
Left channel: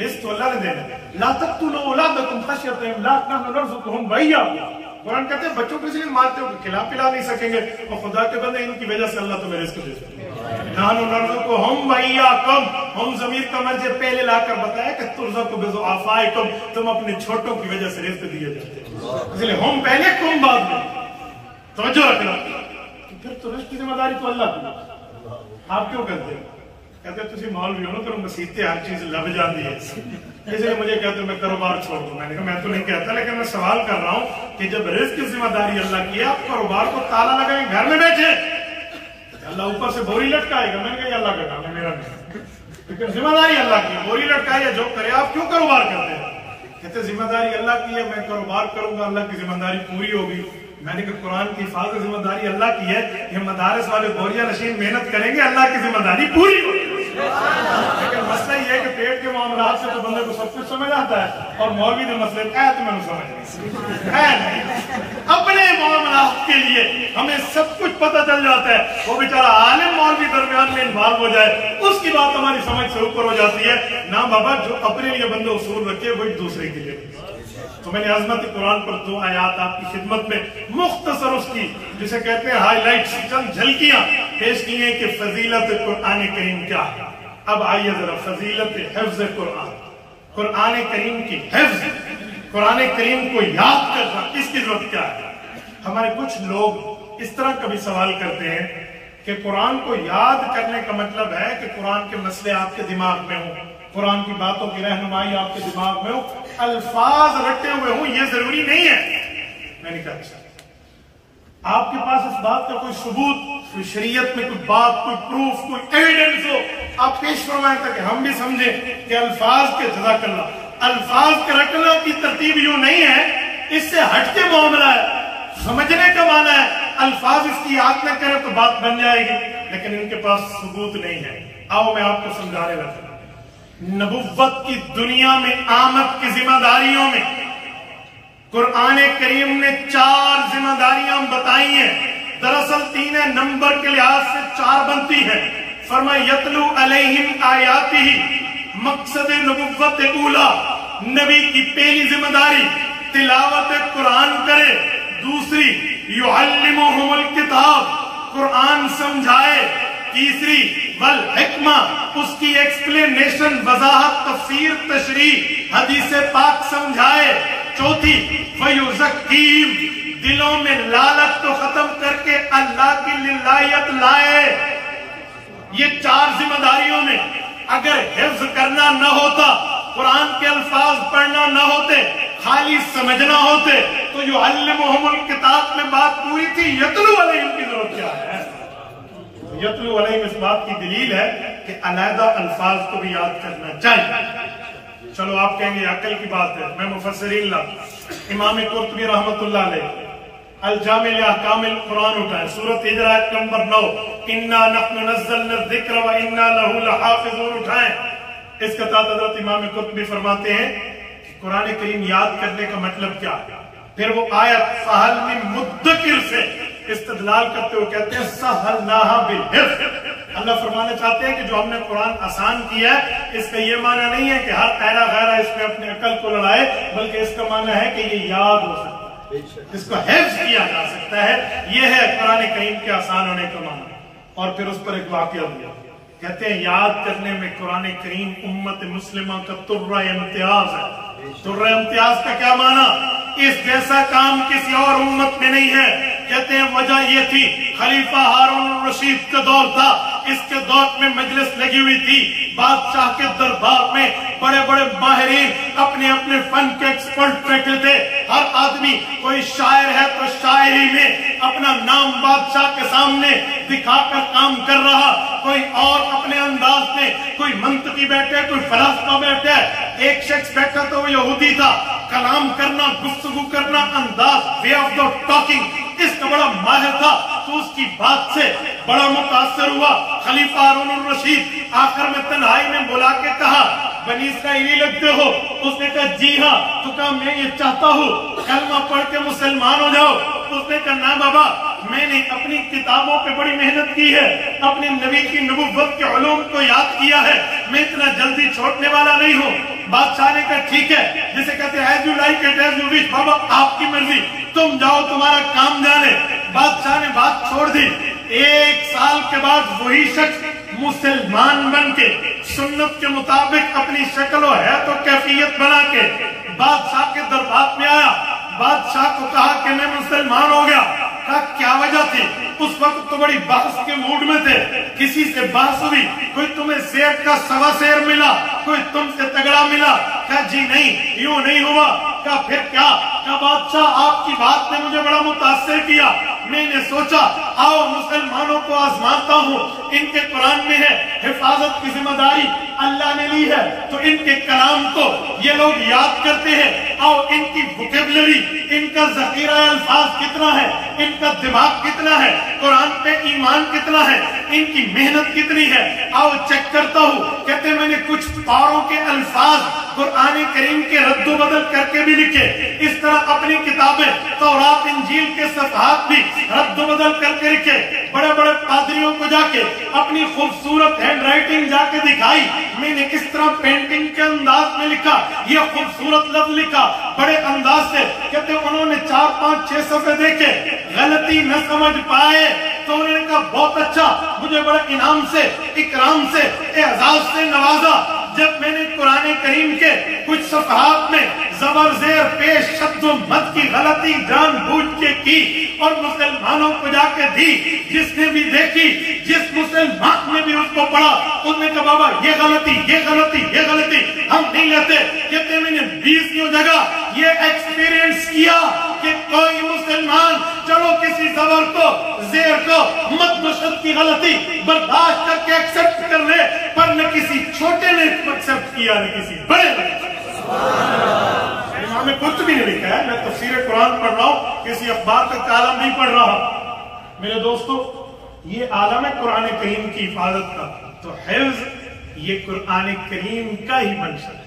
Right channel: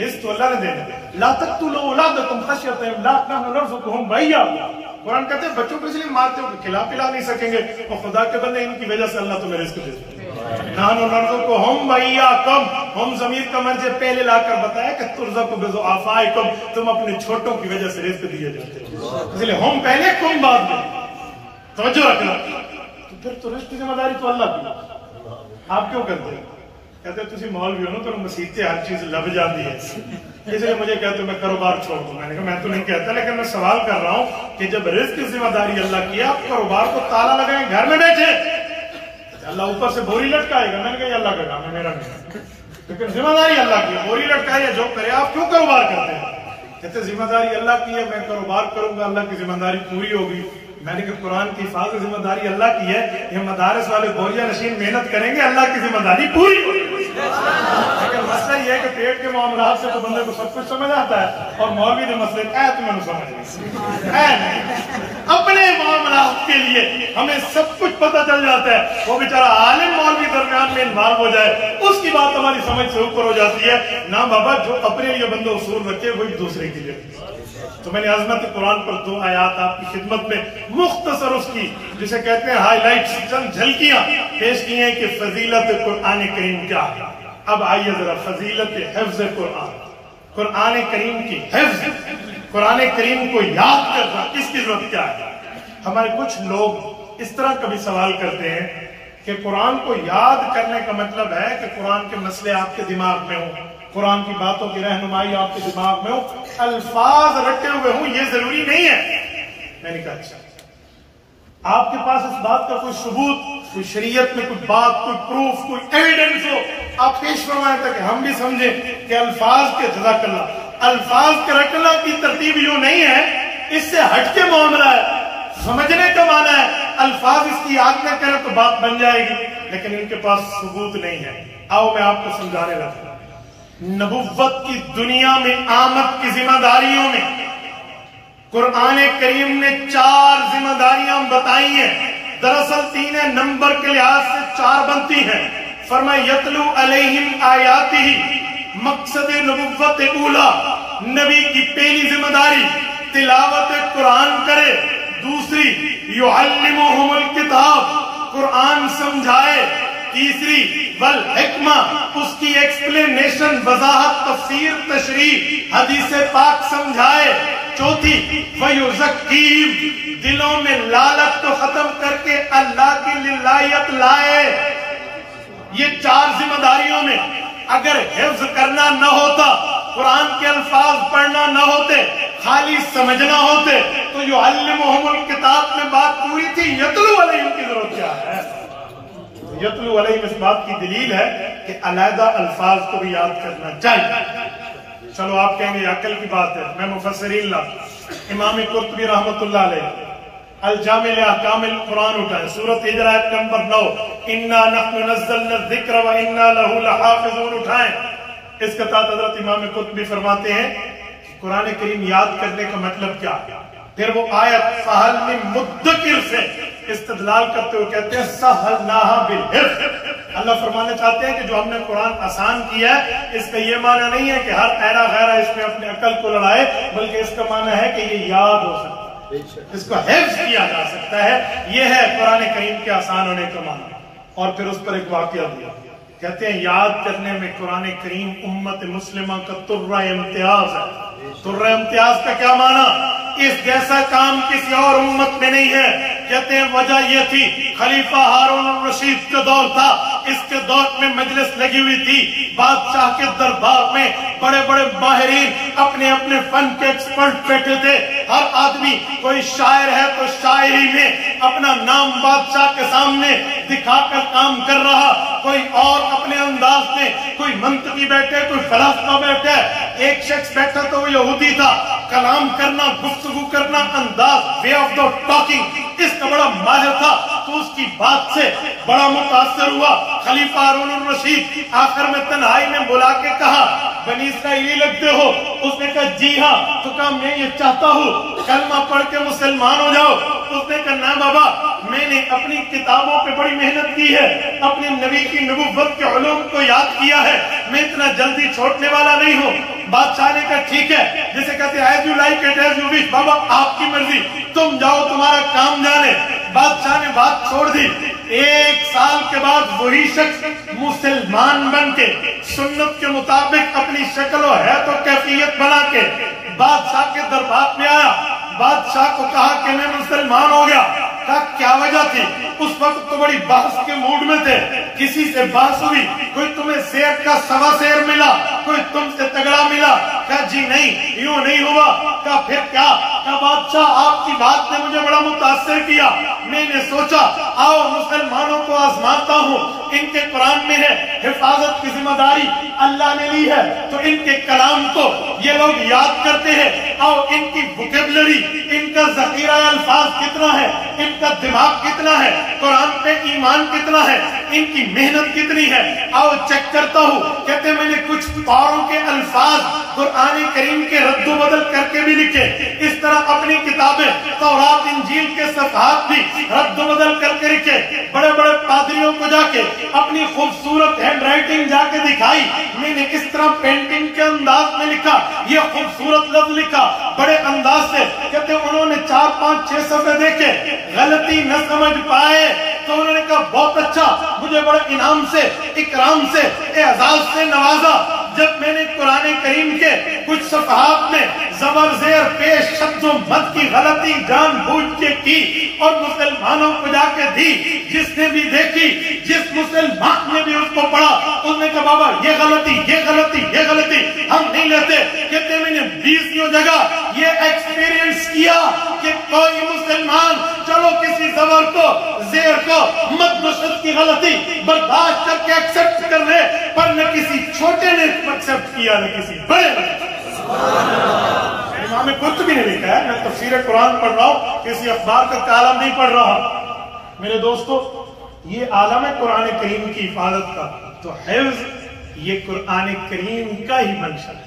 رزق تو اللہ نے دینا۔ لا تقتلوا اولادکم خشیۃ املاق نحن نرزقهم وإیاکم، قرآن کہتے ہیں بچوں کو اس لیے مارتے ہو کہ کھلا پلا نہیں سکیں گے، اور خدا کے بندے ان کی وجہ سے اللہ تمہیں رزق دیتا ہے۔ نانو نرزقہم وإیاکم، ہم ضمیر کا مرجع پہلے لا کر بتایا کہ ترزق بضعفائکم، تم اپنے چھوٹوں کی وجہ سے رزق دیے جاتے ہیں، اس لیے ہم پہلے کم بعد میں، توجہ رکھنا۔ تو پھر تو رزق کی ذمہ داری تو اللہ کی، آپ کیوں کرتے ہیں؟ کہتے ہیں تسی مولوی ہو نا تو مسیحتے ہر چیز لب جاتی ہے، اس لیے مجھے کہتے میں کاروبار چھوڑ دوں۔ میں نے کہا میں تو نہیں کہتا، لیکن میں سوال کر رہا ہوں کہ جب رزق کی ذمہ داری اللہ کی ہے، آپ کاروبار کو تالا لگائیں گھر میں بیٹھے، اللہ اوپر سے بوری لٹکائے گا؟ میں نے کہا یہ اللہ کا کام ہے، میرا نہیں، لیکن ذمہ داری اللہ کی ہے، بوری لٹکائے جو کرے، آپ کیوں کاروبار کرتے ہیں؟ کہتے ذمہ داری اللہ کی ہے، میں کاروبار کروں گا، اللہ کی ذمہ داری پوری ہوگی۔ میں نے کہا قرآن کی حفاظت ذمہ داری اللہ کی ہے، یہ مدارس والے بوریا نشین محنت کریں گے، اللہ کی ذمہ داری پوری ہوگی۔ لیکن مسئلہ یہ ہے کہ پیٹ کے معاملات سے تو بندے کو سب کچھ سمجھ آتا ہے، اور مولوی کے مسئلے تو میں نے سمجھ نہیں، اپنے معاملات کے لیے ہمیں سب کچھ پتہ چل جاتا ہے، وہ بیچارہ عالم مولوی درمیان میں انوالو ہو جائے، اس کی بات ہماری سمجھ سے اوپر ہو جاتی ہے۔ نا بابا، جو اپنے لیے بندے اصول رکھے وہی دوسرے کے لیے۔ تو میں نے عظمت قرآن پر 2 آیات آپ کی خدمت میں مختصر اس کی جسے کہتے ہیں ہائی لائٹس، چند جھلکیاں پیش کی ہیں کہ فضیلت قرآن کریم کیا ہے۔ اب آئیے ذرا فضیلت حفظ قرآن، قرآن کریم کی حفظ، قرآن کریم کو یاد کرنا، اس کی ضرورت کیا ہے؟ ہمارے کچھ لوگ اس طرح کبھی سوال کرتے ہیں کہ قرآن کو یاد کرنے کا مطلب ہے کہ قرآن کے مسئلے آپ کے دماغ میں ہوں، قرآن کی باتوں کی رہنمائی آپ کے دماغ میں ہو، الفاظ رٹے ہوئے ہوں، یہ ضروری نہیں ہے۔ میں نے کہا اچھا، آپ کے پاس اس بات کا کوئی ثبوت، کوئی شریعت میں کوئی بات، کوئی پروف، کوئی ایویڈنس ہو، آپ پیش فرمائیں تاکہ ہم بھی سمجھیں کہ الفاظ کے جزاک اللہ، الفاظ کے رٹنا کی ترتیب یوں نہیں ہے، اس سے ہٹ کے معاملہ ہے، سمجھنے کا معنی ہے الفاظ اس کی یاد نہ کریں تو بات بن جائے گی، لیکن ان کے پاس ثبوت نہیں ہے۔ آؤ میں آپ کو سمجھانے لگا۔ نبوت کی دنیا میں آمد کی ذمہ داریوں میں قرآن کریم نے 4 ذمہ داریاں بتائی ہیں، دراصل 3 نمبر کے لحاظ سے 4 بنتی ہیں۔ فرمایا یتلو علیہم آیاتہ، مقصد نبوت اولا، نبی کی پہلی ذمہ داری تلاوت قرآن کرے، دوسری یعلمہم الکتاب، قرآن سمجھائے، تیسری والحکمہ، اس کی ایکسپلینیشن، وضاحت، تفسیر، تشریح، حدیث پاک سمجھائے، چوتھی وَيُزَكِّيهِمْ، دلوں میں لالچ تو ختم کر کے اللہ کی للہیت لائے۔ یہ 4 ذمہ داریوں میں اگر حفظ کرنا نہ ہوتا، قرآن کے الفاظ پڑھنا نہ ہوتے، خالی سمجھنا ہوتے، تو یعلمہم الکتاب میں بات پوری تھی، یتلو علیہم کی ضرورت کیا ہے؟ یتلو علیہم اس بات کی دلیل ہے کہ علیحدہ الفاظ کو بھی یاد کرنا چاہیے۔ چلو آپ کہیں گے عقل کی بات ہے، میں مفسرین لا، امام قرطبی رحمت اللہ علیہ الجامع لأحکام القرآن اٹھائیں، سورۃ ہجر آیت نمبر 9، انا نحن نزلنا الذکر وانا لہ لحافظون اٹھائیں۔ اس کے تحت حضرت امام قرطبی فرماتے ہیں کہ قرآن کریم یاد کرنے کا مطلب کیا ہے؟ پھر وہ آیت فہل من مدکر سے استدلال کرتے ہوئے کہتے ہیں سہلناہا بالحفظ، اللہ فرمانا چاہتے ہیں کہ جو ہم نے قرآن آسان کیا ہے، اس کا یہ معنی نہیں ہے کہ ہر پیرا غیرہ اس میں اپنے عقل کو لڑائے، بلکہ اس کا معنی ہے کہ یہ یاد ہو سکتا ہے، اس کو حفظ کیا جا سکتا ہے، یہ ہے قرآن کریم کے آسان ہونے کا معنی۔ اور پھر اس پر ایک واقعہ دیا، کہتے ہیں یاد کرنے میں قرآن کریم امت مسلمہ کا ترہ امتیاز ہے۔ ترہ امتیاز کا کیا معنی؟ اس جیسا کام کسی اور امت میں نہیں ہے۔ کہتے ہیں وجہ یہ تھی، خلیفہ ہارون الرشید کا دور تھا، اس کے دور میں مجلس لگی ہوئی تھی، بادشاہ کے دربار میں بڑے بڑے ماہرین اپنے اپنے فن کے ایکسپرٹ بیٹھے تھے، ہر آدمی کوئی شاعر ہے تو شاعری میں اپنا نام بادشاہ کے سامنے دکھا کر کام کر رہا، کوئی اور اپنے انداز میں، کوئی منطقی بیٹھے، کوئی فلسفہ بیٹھے۔ ایک شخص بیٹھا تو وہ یہودی تھا، کلام کرنا، گفتگو کرنا، انداز، وے آف دا ٹاکنگ اس کا بڑا ماہر تھا، تو اس کی بات سے بڑا متاثر ہوا۔ خلیفہ ہارون الرشید آخر میں تنہائی میں بلا کے کہا بنی اسرائیلی لگتے ہو؟ اس نے کہا جی ہاں۔ تو کہا میں یہ چاہتا ہوں کلمہ پڑھ کے مسلمان ہو جاؤ۔ اس نے کہا نا بابا، میں نے اپنی کتابوں پہ بڑی محنت کی ہے، اپنے نبی کی نبوت کے علوم کو یاد کیا ہے، میں اتنا جلدی چھوڑنے والا نہیں ہوں۔ بادشاہ نے کہا ٹھیک ہے، جسے کہتے ہیں as you like it as you wish, بابا آپ کی مرضی، تم جاؤ، تمہارا کام جانے۔ بادشاہ نے بات چھوڑ دی. 1 سال کے بعد وہی شخص مسلمان بن کے سنت کے مطابق اپنی شکل و حیت و کیفیت بنا کے بادشاہ کے دربار میں آیا. بادشاہ کو کہا کہ میں مسلمان ہو گیا. کہا کیا وجہ تھی؟ اس وقت تو بڑی بحث کے موڈ میں تھے, کسی سے بحث ہوئی, کوئی تمہیں شیر کا 1.25 شیر ملا, کوئی تم سے تگڑا ملا. کہا جی نہیں, یوں نہیں ہوا. کہا پھر کیا؟ کہا بادشاہ آپ کی بات نے مجھے بڑا متاثر کیا, میں نے سوچا آؤ مسلمانوں کو آزماتا ہوں. ان کے قرآن میں ہے حفاظت کی ذمہ داری اللہ نے لی ہے, تو ان کے کلام کو یہ لوگ یاد کرتے ہیں. آؤ ان کی ووکیبلری, ان کا ذخیرہ الفاظ کتنا ہے, ان کا دماغ کتنا ہے, قرآن پہ ایمان کتنا ہے, ان کی محنت کتنی ہے, آؤ چیک کرتا ہوں. کہتے میں نے کچھ پاروں کے الفاظ قرآن کریم کے رد و بدل کر کے بھی لکھے. اس طرح اپنی کتابیں تورات انجیل کے صفحات بھی رد و بدل کر کے لکھے. بڑے بڑے پادریوں کو جا کے اپنی خوبصورت ہینڈ رائٹنگ جا کے دکھائی. میں نے اس طرح پینٹنگ کے انداز میں لکھا, یہ خوبصورت لفظ لکھا بڑے انداز سے. کہتے انہوں نے 4, 5, 6 صفحے دیکھے, غلطی نہ سمجھ پائے تو انہوں نے کہا بہت اچھا, مجھے بڑے انعام سے, اکرام سے, اعزاز سے نوازا. جب میں نے قرآن کریم کے کچھ صفحات میں زبر زیر پیش شبد و مد کی غلطی جان بوجھ کے کی اور مسلمانوں کو جا کے دی, جس نے بھی دیکھی, جس مسلمان نے بھی اس کو پڑھا, اس نے کہا بابا یہ غلطی, یہ غلطی, یہ غلطی ہم نہیں لیتے. کہتے میں نے 20 جگہ یہ ایکسپیرینس کیا کہ کوئی مسلمان چلو کسی زبر کو, زیر کو, مد نشد کی غلطی برداشت کر کے ایکسپٹ کر لے, پر نہ کسی چھوٹے نے ایکسپٹ کیا, نہ کسی بڑے نے. امام کچھ بھی نہیں لکھا ہے, میں تفسیر قرآن پڑھ رہا ہوں, کسی اخبار کا کالم نہیں پڑھ رہا. میرے دوستو, یہ عالم ہے قرآن کریم کی حفاظت کا, تو حفظ یہ قرآن کریم کا ہی منشا ہے.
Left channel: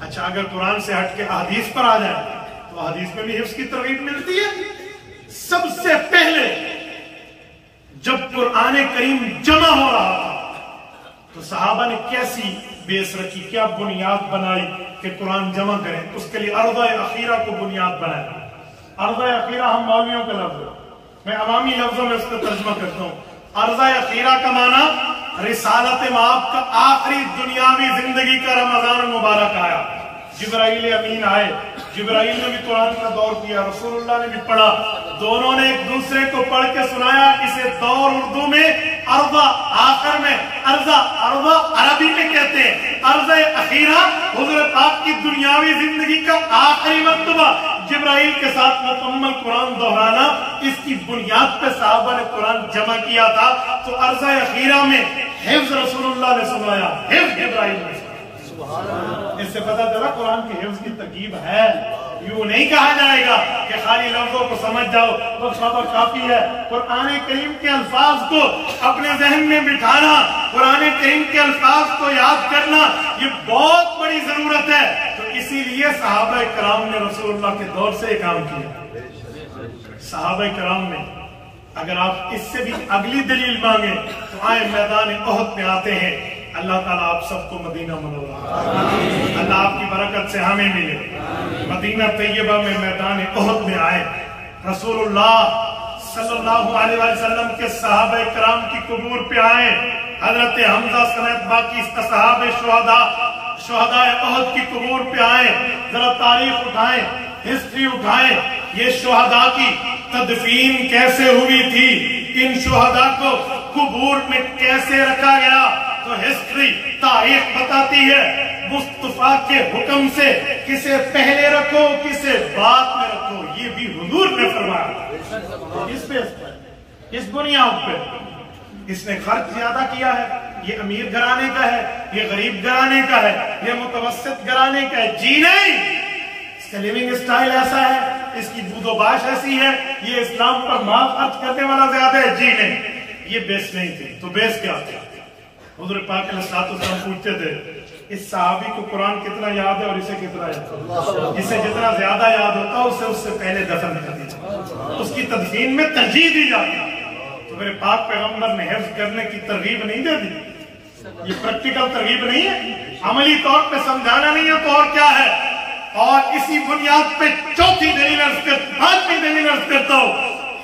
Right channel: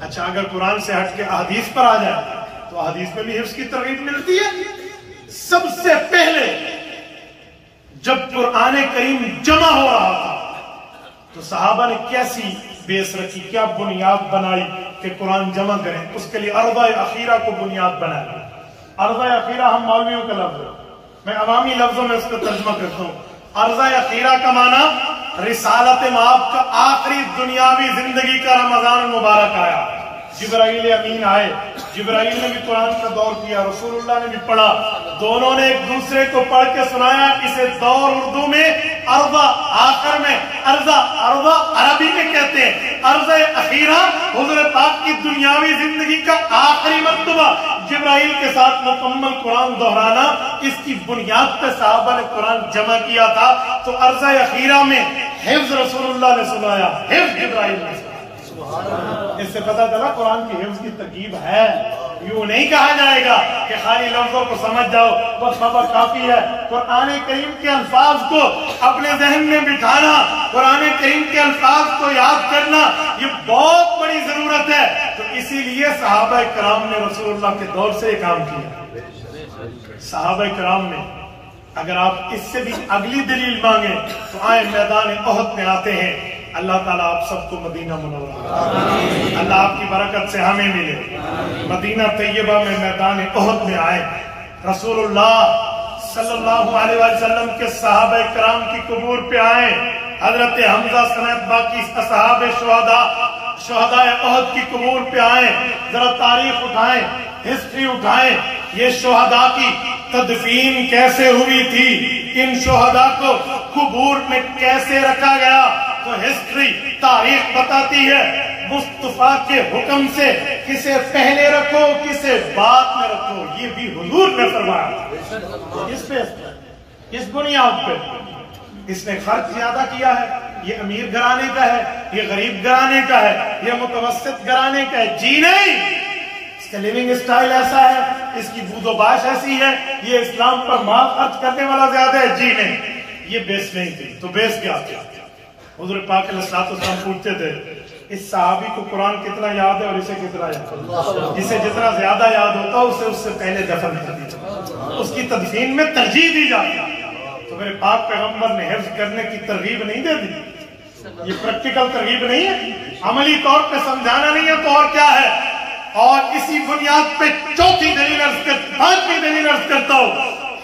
اچھا, اگر قرآن سے ہٹ کے احادیث پر آ جائے تو احادیث میں بھی حفظ کی ترغیب ملتی ہے. سب سے پہلے جب قرآن کریم جمع ہو رہا تھا تو صحابہ نے کیسی بیس رکھی, کیا بنیاد بنائی کہ قرآن جمع کریں. اس کے لیے ارضہ اخیرہ کو بنیاد بنایا. ارضہ اخیرہ ہم مولویوں کا لفظ ہے, میں عوامی لفظوں میں اس کا ترجمہ کرتا ہوں. ارضہ اخیرہ کا معنی رسالت مآب کا آخری دنیاوی زندگی کا رمضان المبارک آیا. جبرائیل امین آئے, جبرائیل نے بھی قرآن کا دور کیا, رسول اللہ نے بھی پڑھا, دونوں نے ایک دوسرے کو پڑھ کے سنایا. اسے دور اردو میں ارضہ, آخر میں ارضہ, ارضہ عربی میں کہتے ہیں. ارضہ اخیرہ حضور پاک کی دنیاوی زندگی کا آخری مرتبہ جبرائیل کے ساتھ مکمل قرآن دہرانا, اس کی بنیاد پہ صحابہ نے قرآن جمع کیا تھا. تو ارضہ اخیرہ میں حفظ رسول اللہ نے سنایا, حفظ جبرائیل نے سنایا. اس سے پتہ چلا قرآن کی حفظ کی ترکیب ہے. یوں نہیں کہا جائے گا کہ خالی لفظوں کو سمجھ جاؤ بس بابا کافی ہے. قرآن کریم کے الفاظ کو اپنے ذہن میں بٹھانا, قرآن کریم کے الفاظ کو یاد کرنا, یہ بہت بڑی ضرورت ہے. تو اسی لیے صحابہ کرام نے رسول اللہ کے دور سے یہ کام کیا. صحابہ کرام نے, اگر آپ اس سے بھی اگلی دلیل مانگیں تو آئے میدان احد میں آتے ہیں. اللہ تعالیٰ آپ سب کو مدینہ منورہ, اللہ آپ کی برکت سے ہمیں ملے. مدینہ طیبہ میں میدان احد میں آئے. رسول اللہ صلی اللہ علیہ وسلم کے صحابہ کرام کی قبور پہ آئے. حضرت حمزہ سمیت باقی اصحاب شہداء احد کی قبور پہ آئے. ذرا تاریخ اٹھائیں, ہسٹری اٹھائیں, یہ شہداء کی تدفین کیسے ہوئی تھی, ان شہداء کو قبور میں کیسے رکھا گیا. تو ہسٹری, تاریخ بتاتی ہے مصطفیٰ کے حکم سے کسے پہلے رکھو کسے بعد میں رکھو, یہ بھی حضور نے فرمایا. اس پہ, اس بنیاد پہ اس نے خرچ زیادہ کیا ہے. یہ امیر گھرانے کا ہے, یہ غریب گھرانے کا ہے, یہ متوسط گھرانے کا ہے. جی نہیں, اس کا لیونگ اسٹائل ایسا ہے, اس کی بود و باش ایسی ہے, یہ اسلام پر مال خرچ کرنے والا زیادہ ہے. جی نہیں, یہ بیس نہیں تھی. تو بیس کیا تھا؟ حضور پاک علیہ السلام پوچھتے تھے اس صحابی کو قرآن کتنا یاد ہے اور اسے کتنا یاد ہے. جسے جتنا زیادہ یاد ہوتا اسے اس سے پہلے دفن کر دی جاتی, اس کی تدفین میں ترجیح دی جاتی. تو میرے پاک پیغمبر نے حفظ کرنے کی ترغیب نہیں دے دی. یہ پریکٹیکل ترغیب نہیں ہے, عملی طور پہ سمجھانا نہیں ہے تو اور کیا ہے. اور اسی بنیاد پہ چوتھی دلیل عرض پانچویں دلیل عرض کرتا ہوں,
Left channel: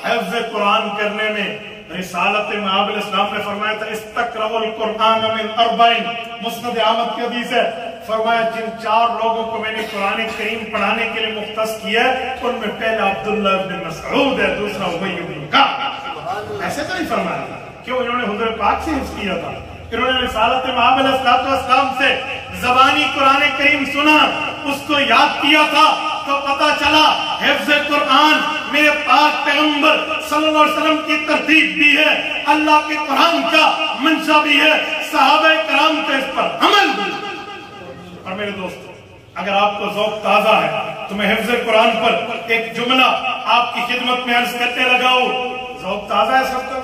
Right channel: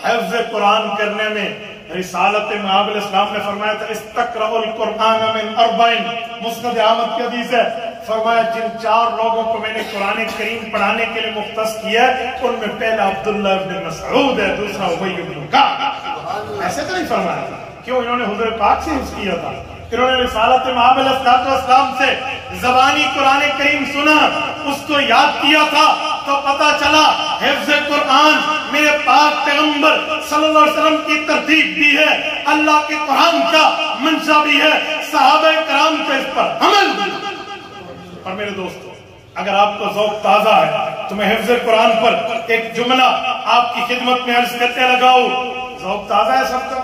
حفظ قرآن کرنے میں رسالت مآب علیہ السلام نے فرمایا تھا استقرأوا القرآن من اربعین، مسند احمد کی حدیث ہے، فرمایا جن 4 لوگوں کو میں نے قرآن کریم پڑھانے کے لیے مختص کیا ان میں پہلا عبداللہ ابن مسعود ہے، دوسرا ابی بن کعب۔ ایسے تو نہیں فرمایا تھا، کیوں؟ انہوں نے حضور پاک سے حفظ کیا تھا، انہوں نے رسالت مآب علیہ السلام سے زبانی قرآن کریم سنا، اس کو یاد کیا تھا، تو پتا چلا حفظ قرآن میرے پاک پیغمبر صلی اللہ علیہ وسلم کی ترتیب بھی ہے، اللہ کے قرآن کا منشا بھی ہے، صحابہ کرام کا اس پر عمل بھی۔ اور میرے دوستو، اگر آپ کو ذوق تازہ ہے تو میں حفظ قرآن پر ایک جملہ آپ کی خدمت میں عرض کرتے لگاؤ۔ ذوق تازہ ہے سب کا؟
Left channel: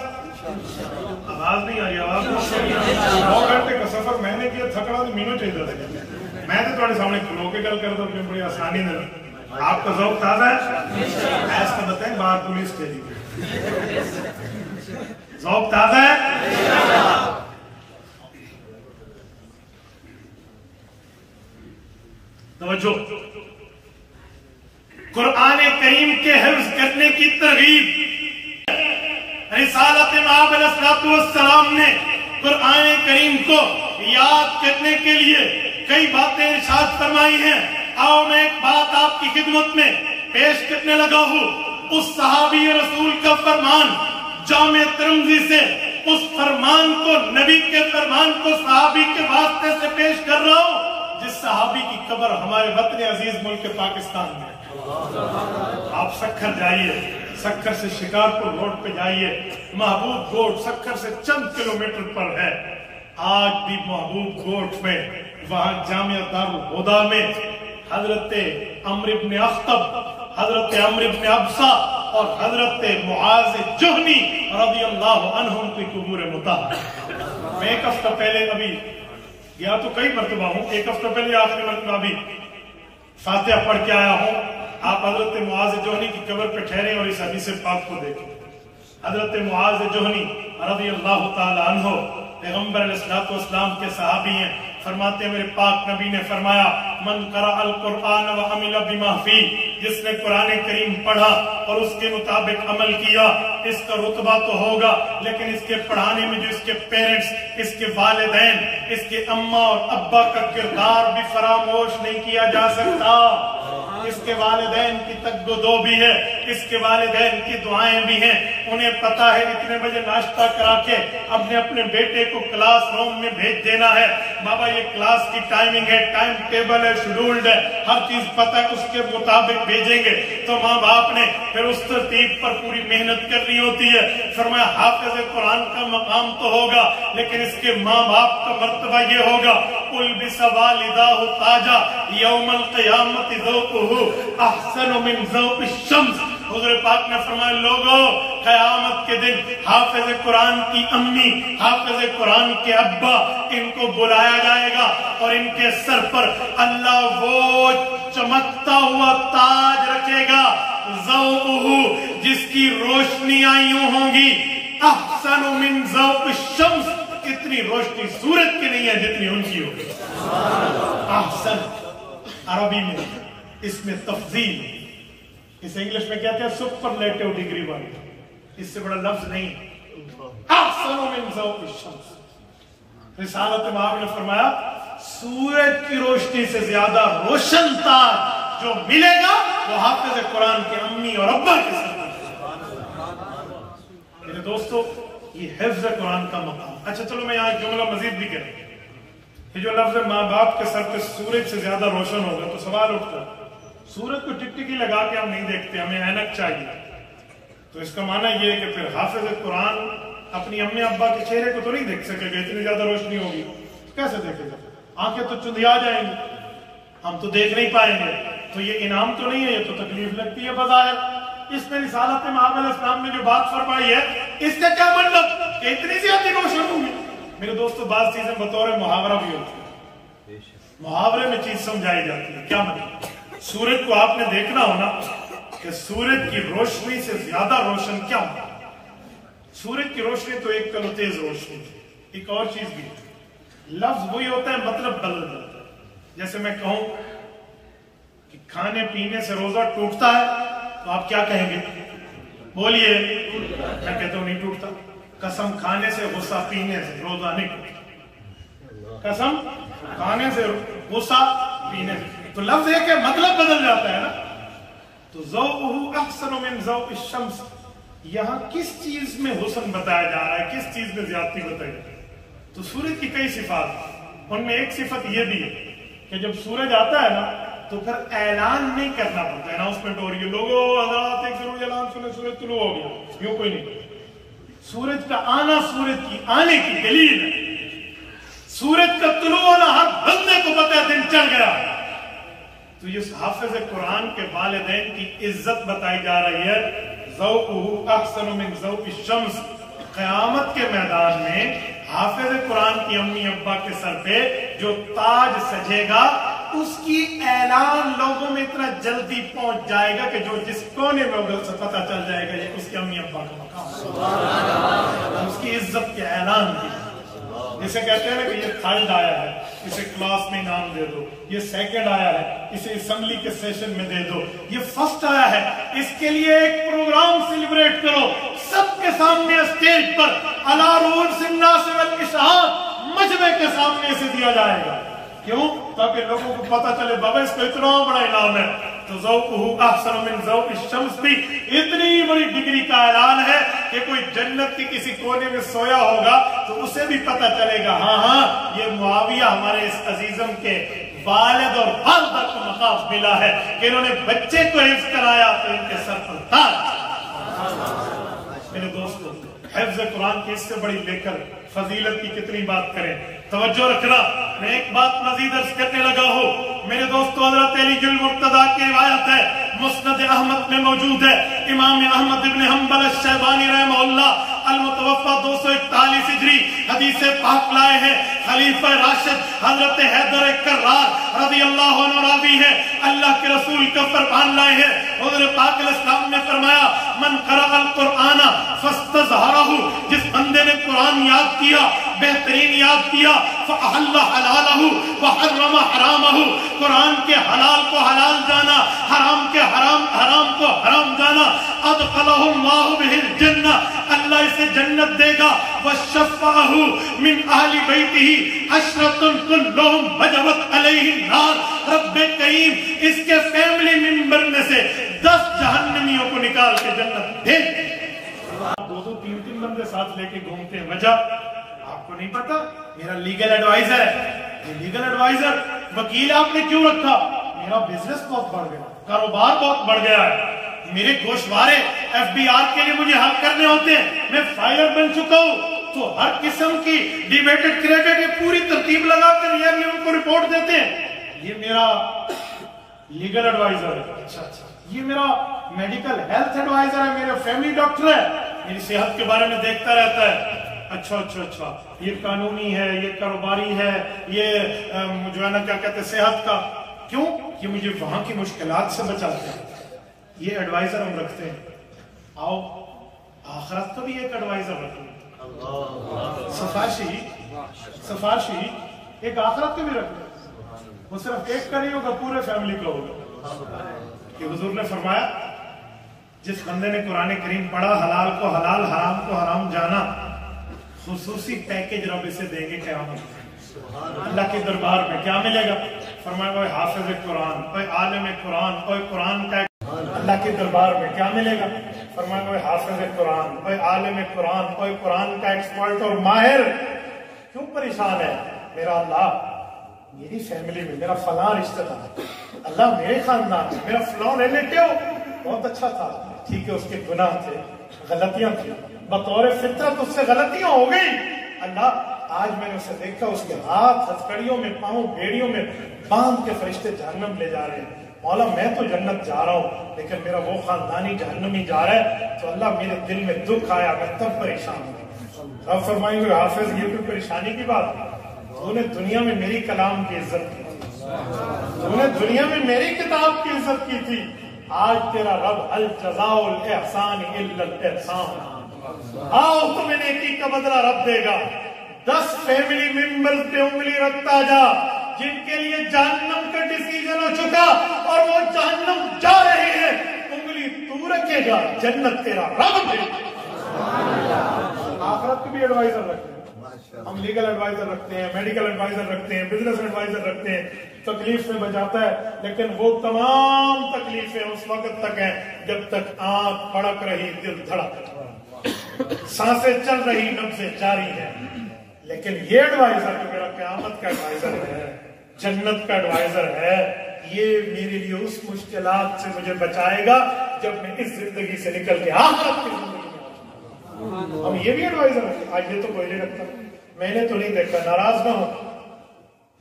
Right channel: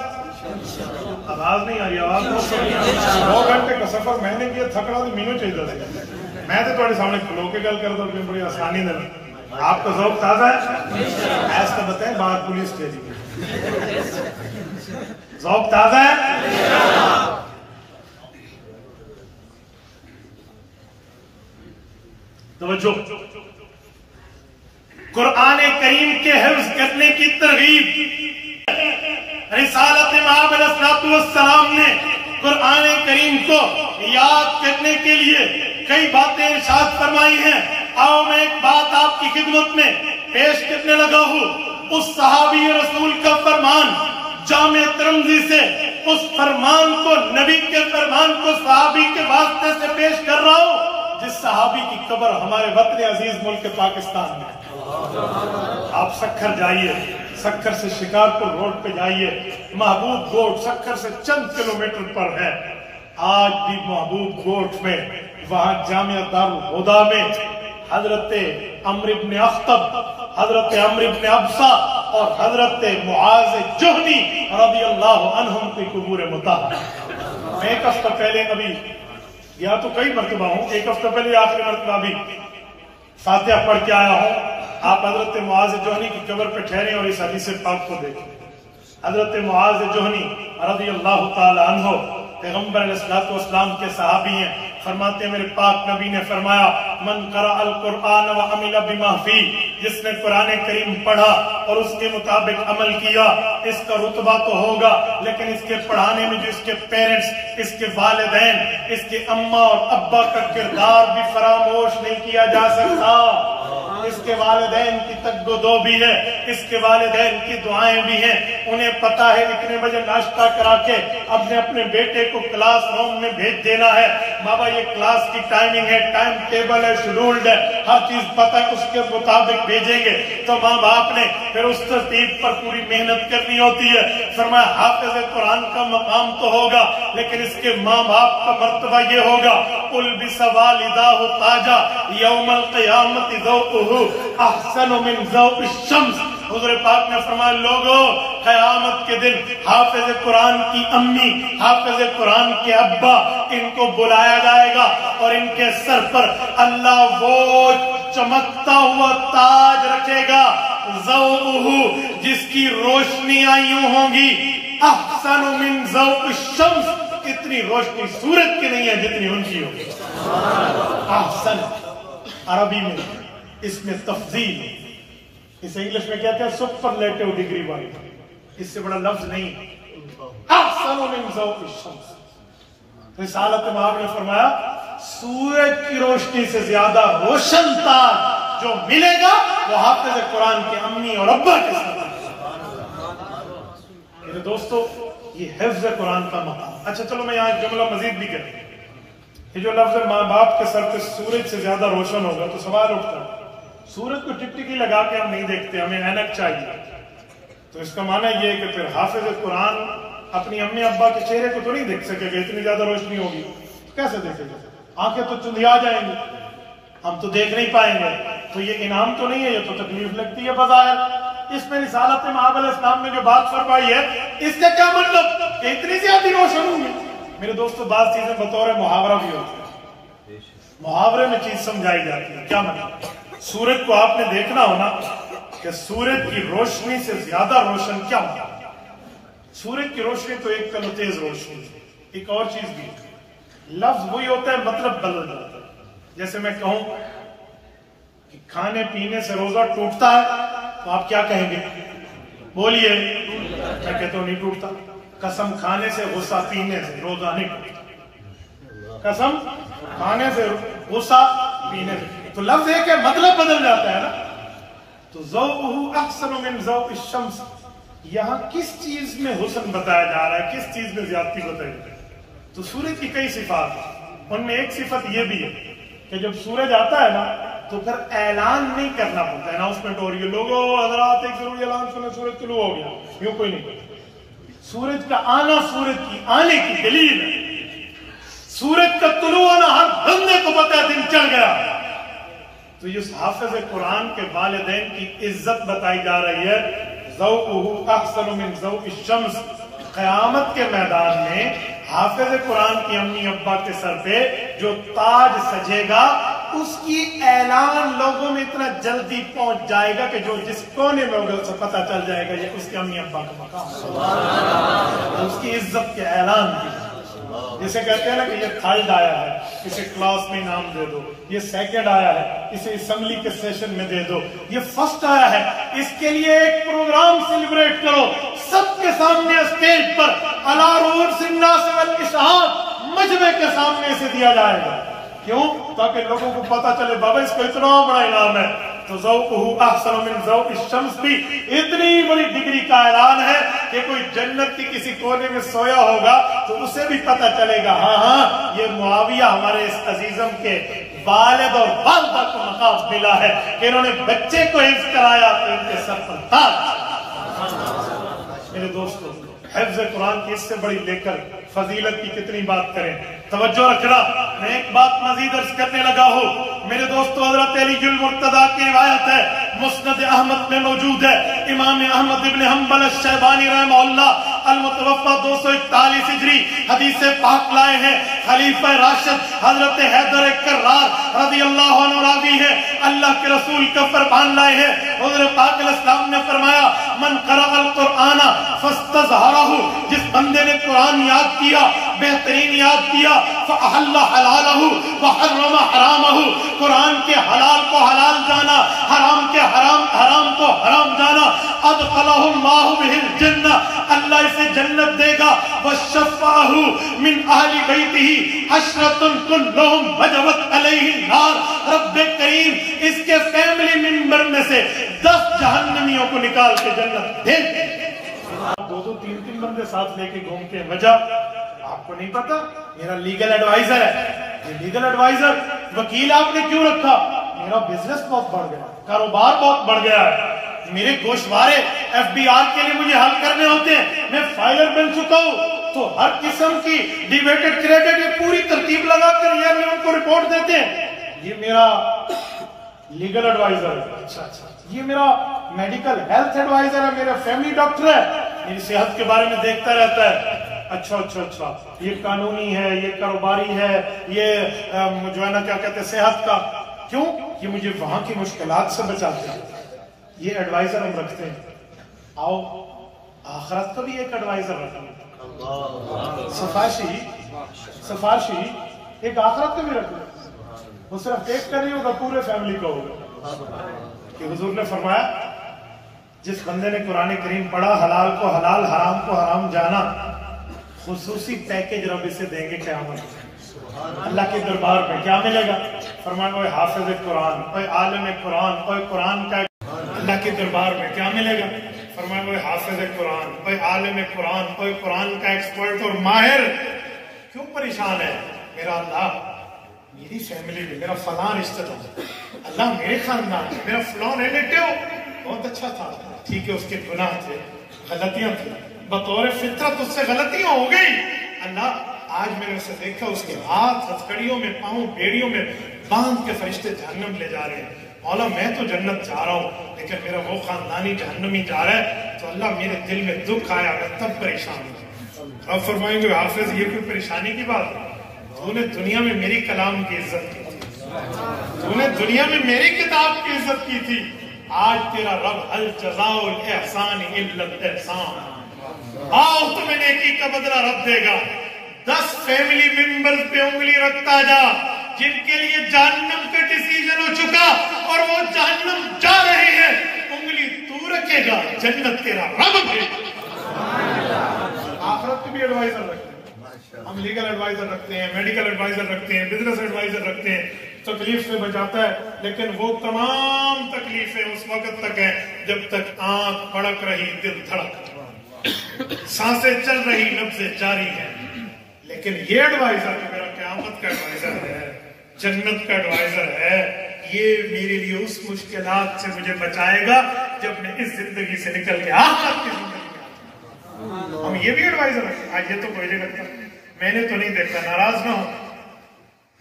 آواز نہیں آئی، آواز 2 گھنٹے کا سفر میں نے کیا، تھکڑا تو مینو چاہیے تھا، میں تو تھوڑے سامنے کھلو کے گل کرتا ہوں، بڑی آسانی دے۔ آپ کا ذوق تازہ ہے؟ ایسا بتائیں بات پولیس اسٹیشن، ذوق تازہ ہے؟ توجہ، قرآن کریم کے حفظ کرنے کی ترغیب، رسالت مآب علیہ السلام نے قرآن کریم کو یاد کرنے کے لیے کئی باتیں ارشاد فرمائی ہیں۔ آؤ میں ایک بات آپ کی خدمت میں پیش کرنے لگا ہوں، اس صحابی رسول کا فرمان جامع ترمذی سے، اس فرمان کو، نبی کے فرمان کو صحابی کے واسطے سے پیش کر رہا ہوں جس صحابی کی قبر ہمارے وطن عزیز ملک پاکستان میں۔ آپ سکھر جائیے، سکھر سے شکارپور روڈ پہ جائیے، محبوب گوٹ سکھر سے چند کلومیٹر پر ہے، آج بھی محبوب گوٹ میں، وہاں جامعہ دارالہدیٰ میں حضرت عمرو بن اخطب، حضرت عمرو بن ابسہ اور حضرت معاذ جہنی رضی اللہ عنہم کی قبور مطہرہ۔ میں ایک ہفتہ پہلے ابھی گیا تو کئی مرتبہ ہوں، ایک ہفتہ پہلے آخری مرتبہ بھی فاتحہ پڑھ کے آیا ہوں۔ آپ حضرت معاذ جہنی کی قبر پہ ٹھہرے اور اس حدیث پاک کو دیکھیں۔ حضرت معاذ جہنی رضی اللہ تعالی عنہ پیغمبر علیہ السلام کے صحابی ہیں، فرماتے ہیں میرے پاک نبی نے فرمایا من قرأ القرآن وعمل بما فیہ، جس نے قرآن کریم پڑھا اور اس کے مطابق عمل کیا، اس کا رتبہ تو ہوگا، لیکن اس کے پڑھانے میں جو اس کے پیرنٹس، اس کے والدین، اس کے اماں اور ابا کا کردار بھی فراموش نہیں کیا جا سکتا۔ اس کے والدین کی تگودو بھی ہے، اس کے والدین کی دعائیں بھی ہیں، انہیں پتا ہے اتنے بجے ناشتہ کرا کے اپنے بیٹے کو کلاس روم میں بھیج دینا ہے، بابا یہ کلاس کی ٹائمنگ ہے، ٹائم ٹیبل ہے، شیڈولڈ ہے، ہر چیز پتا ہے، اس کے مطابق بھیجیں گے۔ تو ماں باپ نے پھر اس ترتیب پر پوری محنت کرنی ہوتی ہے۔ فرمایا حافظ قرآن کا مقام تو ہوگا، لیکن اس کے ماں باپ کا مرتبہ یہ ہوگا البس والداہ تاجا یوم القیامت ذوقہ احسن من ذوق الشمس۔ حضور پاک نے فرمایا لوگوں، قیامت کے دن حافظ قرآن کی امی، حافظ قرآن کے ابا، ان کو بلایا جائے گا اور ان کے سر پر اللہ وہ چمکتا ہوا تاج رکھے گا، ذوقہ، جس کی روشنیاں یوں ہوں گی احسن من ذوق الشمس، اتنی روشنی سورج کی نہیں ہے جتنی ان کی ہوگی۔ احسن عربی میں اس میں تفضیل، اسے انگلش میں کہتے ہیں سپرلیٹو ڈگری والی، اس سے بڑا لفظ نہیں۔ احسن من ذوق الشمس، رسالت مآب نے فرمایا سورج کی روشنی سے زیادہ روشن تاج جو ملے گا وہ حافظ قرآن کے امی اور ابا کے ساتھ۔ میرے دوستو، یہ حفظ قرآن کا مقام۔ اچھا چلو میں یہاں جملہ مزید بھی کروں، یہ جو لفظ ماں باپ کے سر پہ سورج سے زیادہ روشن ہوگا تو سوال اٹھتا ہے سورج کو ٹکٹکی لگا کے ہم نہیں دیکھتے، ہمیں اینک چاہیے، تو اس کا معنی یہ ہے کہ پھر حافظ قرآن اپنی امی ابا کے چہرے کو تو نہیں دیکھ سکے گا، اتنی زیادہ روشنی ہوگی، کیسے دیکھے گا؟ آنکھیں تو چندیا جائیں گی، ہم تو دیکھ نہیں پائیں گے، تو یہ انعام تو نہیں ہے، یہ تو تکلیف لگتی ہے بظاہر۔ اس میں رسالت مآب علیہ السلام نے جو بات فرمائی ہے، اس کا کیا مطلب کہ اتنی زیادہ روشن ہوگی؟ میرے دوستو، بعض چیزیں بطور محاورہ بھی ہوتی ہیں، محاورے میں چیز سمجھائی جاتی ہے۔ کیا مطلب؟ سورج کو آپ نے دیکھنا ہونا کہ سورج کی روشنی سے زیادہ روشن کیا ہوگا؟ سورج کی روشنی تو ایک کلو تیز روشنی ہے، ایک اور چیز بھی ہے، لفظ وہی ہوتا ہے، مطلب بدل جاتا ہے۔ جیسے میں کہوں کہ کھانے پینے سے روزہ ٹوٹتا ہے تو آپ کیا کہیں گے؟ بولیے، میں کہتا ہوں نہیں ٹوٹتا. قسم کھانے سے، غصہ پینے سے روزہ نہیں ٹوٹتا. قسم کھانے سے، غصہ پینے سے. تو لفظ ایک ہے، مطلب بدل جاتا ہے نا. تو ذوقہ احسن من ذوق الشمس، یہاں کس چیز میں حسن بتایا جا رہا ہے، کس چیز میں زیادتی بتائی جا رہی ہے؟ تو سورج کی کئی صفات ہیں، ان میں ایک صفت یہ بھی ہے کہ جب سورج آتا ہے نا تو پھر اعلان نہیں کرنا پڑتا، اناؤنسمنٹ ہو رہی ہے، لوگوں حضرات ایک ضروری اعلان سنیں، سورج طلوع ہو گیا، یوں کوئی نہیں کرتا. سورج کا آنا سورج کی آنے کی دلیل ہے. سورج کا طلوع ہونا ہر بندے کو پتہ ہے دن چڑھ گیا. تو یہ حافظ قرآن کے والدین کی عزت بتائی جا رہی ہے. ذوقہ احسن من ذوق الشمس، قیامت کے میدان میں حافظ قرآن کی امی ابا کے سر پہ جو تاج سجے گا اس کی اعلان لوگوں میں اتنا جلدی پہنچ جائے گا کہ جو جس کونے میں ہوگا اسے پتہ چل جائے گا یہ اس کے امی ابا کا مقام، اس کی عزت کے اعلان کی. جسے کہتے ہیں نا کہ یہ تھرڈ آیا ہے، اسے کلاس میں انعام دے دو، یہ سیکنڈ آیا ہے، اسے اسمبلی کے سیشن میں دے دو، یہ فرسٹ آیا ہے، اس کے لیے ایک پروگرام سیلیبریٹ کرو، سب کے سامنے اسٹیج پر علی رؤوس الناس والاشہاد مجمع کے سامنے اسے دیا جائے گا. کیوں؟ تاکہ لوگوں کو پتا چلے بابا اس کو اتنا بڑا انعام ہے. تو ذوقہ احسن من ذوق الشمس بھی اتنی بڑی ڈگری کا اعلان ہے کہ کوئی جنت کے کسی کونے میں سویا ہوگا تو اسے بھی پتا چلے گا ہاں یہ معاویہ ہمارے اس عزیزم کے والد اور والدہ کو مقام ملا ہے کہ انہوں نے بچے کو حفظ کرایا تو ان کے سر پر تاج. میرے دوستو، حفظ قرآن کی اس سے بڑی لے کر فضیلت کی کتنی بات کریں. توجہ رکھنا، میں ایک بات مزید عرض کرنے لگا ہوں. میرے دوستو، حضرت علی المرتضیٰ کی روایت ہے، مسند احمد میں موجود ہے. امام احمد ابن حنبل الشیبانی رحمہ اللہ المتوفى 241 ہجری حدیث پاک لائے ہیں. خلیفہ راشد حضرت حیدر کرار رضی اللہ عنہ راوی ہے، اللہ کے رسول کا فرمان لائے ہیں. حضور پاک علیہ السلام نے فرمایا من قرأ القرآن فاستظہرہ، جس بندے نے قرآن یاد کیا، بہترین یاد کیا، فأحل حلالہ وحرم حرامہ، قرآن کے حلال کو حلال جانا، حرام کے حرام کو حرام جانا، ادخلہ اللہ بہ الجنہ، اللہ اسے جنت دے گا. وشفعہ من اہل بیتہ عشرۃ کلہم وجبت علیہ النار، رب کریم اس کے فیملی ممبر میں سے 10 جہنمیوں کو نکال کے جنت دے دے. 2 3 بندے ساتھ لے کے گھومتے ہیں، وجہ آپ کو نہیں پتا. میرا لیگل ایڈوائزر ہے، یہ لیگل ایڈوائزر وکیل آپ نے کیوں رکھا؟ میرا بزنس بہت بڑھ گیا، کاروبار بہت بڑھ گیا ہے، میرے گوشوارے ایف بی آر کے لیے مجھے حل کرنے ہوتے ہیں، میں فائلر بن چکا ہوں. تو ہر قسم کی ڈیبیٹڈ کریڈٹ یہ پوری ترتیب لگا کر یہ ان کو رپورٹ دیتے ہیں. یہ میرا لیگل ایڈوائزر ہے. اچھا، یہ میرا میڈیکل ہیلتھ ایڈوائزر ہے، میرا فیملی ڈاکٹر ہے، میری صحت کے بارے میں دیکھتا رہتا ہے. اچھا، یہ قانونی ہے، یہ کاروباری ہے، یہ جو ہے نا کیا کہتے ہیں صحت کا. کیوں؟ یہ مجھے وہاں کی مشکلات سے بچاتے ہیں. یہ ایڈوائزر ہم رکھتے ہیں. آؤ آخرت کا بھی ایک ایڈوائزر رکھتے ہیں، سفارشی ایک آخرت کا بھی رکھتے ہیں. وہ صرف ایک کا نہیں ہوگا، پورے فیملی کا ہوگا. کہ حضور نے فرمایا جس بندے نے قرآن کریم پڑھا، حلال کو حلال، حرام کو حرام جانا، خصوصی پیکج رب اسے دیں گے قیامت میں اللہ کے دربار میں. کیا ملے گا؟ فرمایا وہ حافظ قرآن، وہ عالم قرآن، وہ قرآن کا. اللہ کے دربار میں کیا ملے گا؟ فرمایا وہ حافظ قرآن، وہ عالم قرآن، وہ قرآن کا ایکسپرٹ اور ماہر. کیوں پریشان ہے؟ میرا اللہ میری فیملی میں میرا فلاں رشتہ دار، اللہ میرے خاندان میں میرا فلاں ریلیٹیو بہت اچھا تھا، ٹھیک ہے اس کے گناہ تھے، غلطیاں تھیں، بطور فطرت اس سے غلطیاں ہو گئی. اللہ آج میں نے اسے دیکھا، اس کے ہاتھ ہتھکڑیوں میں، پاؤں بیڑیوں میں باندھ کے فرشتے جہنم لے جا رہے ہیں. مولا میں تو جنت جا رہا ہوں لیکن میرا وہ خاندانی جہنمی جا رہا ہے. تو اللہ میرے دل میں دکھ آیا، میں تب پریشان ہوں. اب فرمائیں گے حافظ یہ کوئی پریشانی کی بات ہے؟ تو نے دنیا میں میری کلام کی عزت کی تھی، تو نے دنیا میں میری کتاب کی عزت کی تھی. آج تیرا رب هل جزاء الاحسان الا الاحسان، آؤ تمہیں نیکی کا بدلہ رب دے گا. 10 فیملی ممبر پہ انگلی رکھتا جا جن کے لیے جہنم کا ڈیسیژن ہو چکا اور وہ جہنم جا رہے ہیں. انگلی تو تو رکھے گا جنت تیرا رب ہے۔ آخرت کے بھی ایڈوائزر رکھتے ہیں، ہم لیگل ایڈوائزر رکھتے ہیں، میڈیکل ایڈوائزر رکھتے ہیں، بزنس ایڈوائزر رکھتے ہیں، تکلیف سے بچاتا ہے، لیکن وہ تمام تکلیفیں اس وقت تک ہیں جب تک آنکھ پڑک رہی، دل دھڑک، سانسیں چل رہی، نبضیں جاری ہیں۔ لیکن یہ ایڈوائزر جو میرا قیامت کا ایڈوائزر ہے، جنت کا ایڈوائزر ہے، یہ میرے لیے اس مشکلات سے مجھے بچائے گا جب میں اس زندگی سے نکل کے آخرت کی زندگی میں آؤں گا۔ ہم یہ بھی ایڈوائزر ہیں، آج یہ تو کوئی نہیں رکھتا، میں نے تو نہیں دیکھا، ناراض نہ ہو،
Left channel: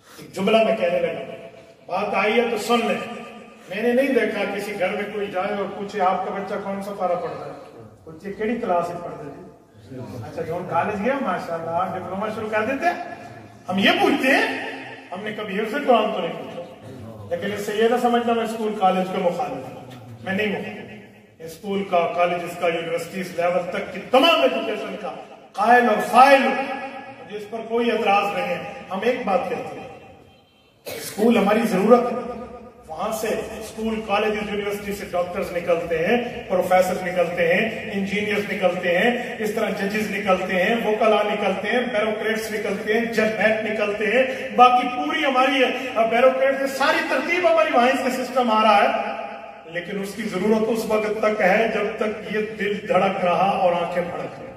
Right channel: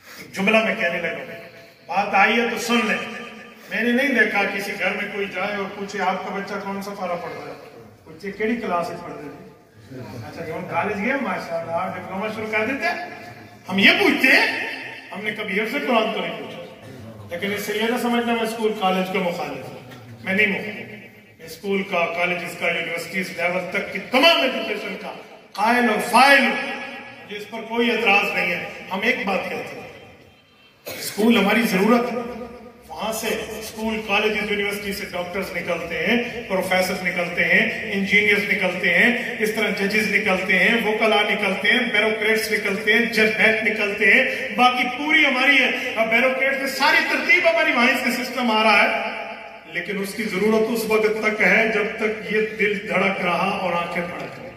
ایک جملہ میں کہنے لگا، بات آئی ہے تو سن لیں، میں نے نہیں دیکھا کسی گھر میں کوئی جائے اور پوچھے آپ کا بچہ کون سا پارا پڑھتا ہے، پوچھے کیڑی کلاس میں پڑھتے تھے، اچھا جو ہم کالج گئے ماشاءاللہ ڈپلوما شروع کر دیتے، ہم یہ پوچھتے ہیں، ہم نے کبھی حفظ قرآن تو نہیں پوچھا۔ لیکن اس سے یہ نہ سمجھنا میں اسکول کالج کے مخالف ہوں، میں نہیں مخالف، اسکول کا، کالجز کا، یونیورسٹیز لیول تک کی تمام ایجوکیشن کا قائل اور فائل ہوں، جس پر کوئی اعتراض نہیں ہے۔ ہم ایک بات کہتے ہیں، اسکول ہماری ضرورت ہے، وہاں سے اسکول، کالجز، یونیورسٹی سے ڈاکٹرز نکلتے ہیں، پروفیسر نکلتے ہیں، انجینئرز نکلتے ہیں، اس طرح ججز نکلتے ہیں، وکلاء نکلتے ہیں، بیوروکریٹس نکلتے ہیں، جج نکلتے ہیں، باقی پوری ہماری بیوروکریٹ سے ساری ترتیب ہماری وہاں سے سسٹم آ رہا ہے، لیکن اس کی ضرورت اس وقت تک ہے جب تک یہ دل دھڑک رہا اور آنکھیں پھڑک رہی۔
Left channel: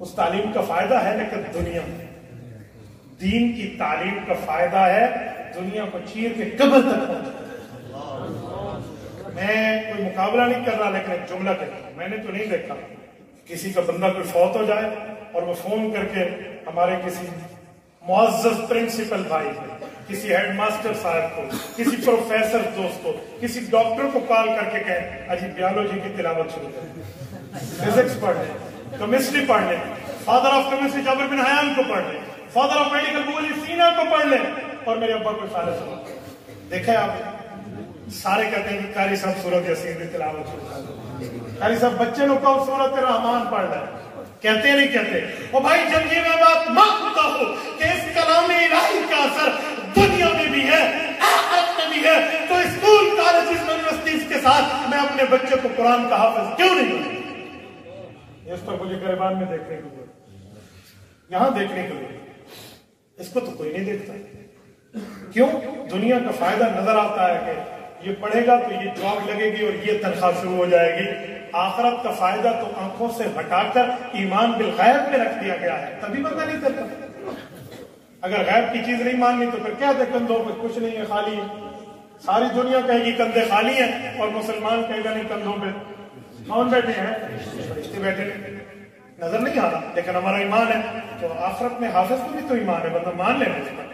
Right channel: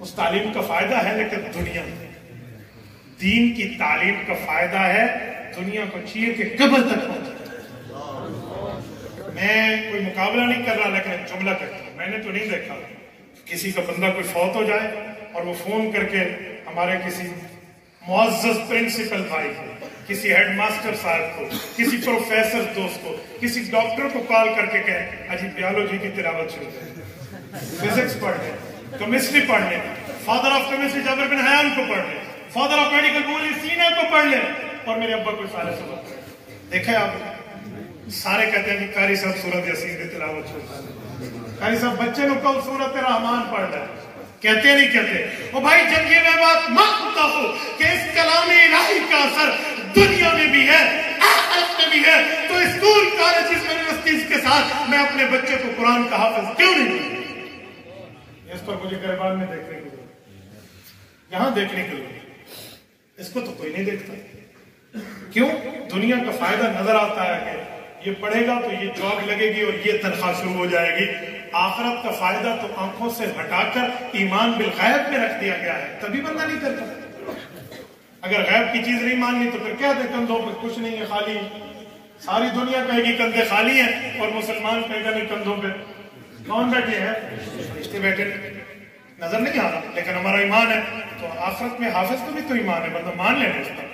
اس تعلیم کا فائدہ ہے، لیکن دنیا میں دین کی تعلیم کا فائدہ ہے، دنیا کو چاہیے کہ قبر تک پہنچے۔ میں کوئی مقابلہ نہیں کر رہا، لیکن ایک جملہ کہتا ہوں، میں نے تو نہیں دیکھا کسی کا بندہ کوئی فوت ہو جائے اور وہ فون کر کے ہمارے کسی معزز پرنسپل بھائی کو، کسی ہیڈ ماسٹر صاحب کو، کسی پروفیسر دوست کو، کسی ڈاکٹر کو کال کر کے کہے اجی بیالوجی کی تلاوت شروع کریں، فزکس پڑھ لیں، کیمسٹری پڑھ لیں، فادر آف کیمسٹری جابر بن حیان کو پڑھ لیں، فادر آف میڈیکل بولی سینا کو پڑھ لیں، اور میرے ابا کوئی فائدہ سنا۔ دیکھیں آپ سارے کہتے ہیں کہ قاری صاحب سورت یاسین کی تلاوت شروع کریں، قاری صاحب بچے لوگ کا سورت رحمان پڑھ رہے ہیں، کہتے نہیں کہتے؟ اور بھائی جب یہ میں بات مانتا ہوں کہ اس کلام الہی کا اثر دنیا میں بھی ہے، آخرت میں بھی ہے، تو اسکول، کالجز، یونیورسٹیز کے ساتھ میں اپنے بچے کو قرآن کا حافظ کیوں نہیں کروں؟ اس پر مجھے گریبان میں دیکھنے کو ملا، یہاں دیکھنے کے لیے، اس کو تو کوئی نہیں دیکھتا۔ کیوں؟ دنیا کا فائدہ نظر آتا ہے کہ یہ پڑھے گا تو یہ جاب لگے گی اور یہ تنخواہ شروع ہو جائے گی۔ آخرت کا فائدہ تو آنکھوں سے ہٹا کر ایمان بالغیب میں رکھ دیا گیا ہے، تبھی بندہ نہیں کرتا۔ اگر غیب کی چیز نہیں ماننی تو پھر کیا دے کندھوں پہ کچھ نہیں ہے، خالی ساری دنیا کہے گی کندھے خالی ہیں، اور مسلمان کہے گا نہیں کندھوں پہ کون بیٹھے ہیں؟ فرشتے بیٹھے، نظر نہیں آ رہا، لیکن ہمارا ایمان ہے۔ تو آخرت میں حافظ کو بھی تو ایمان ہے، بندہ مان لینا اس کا۔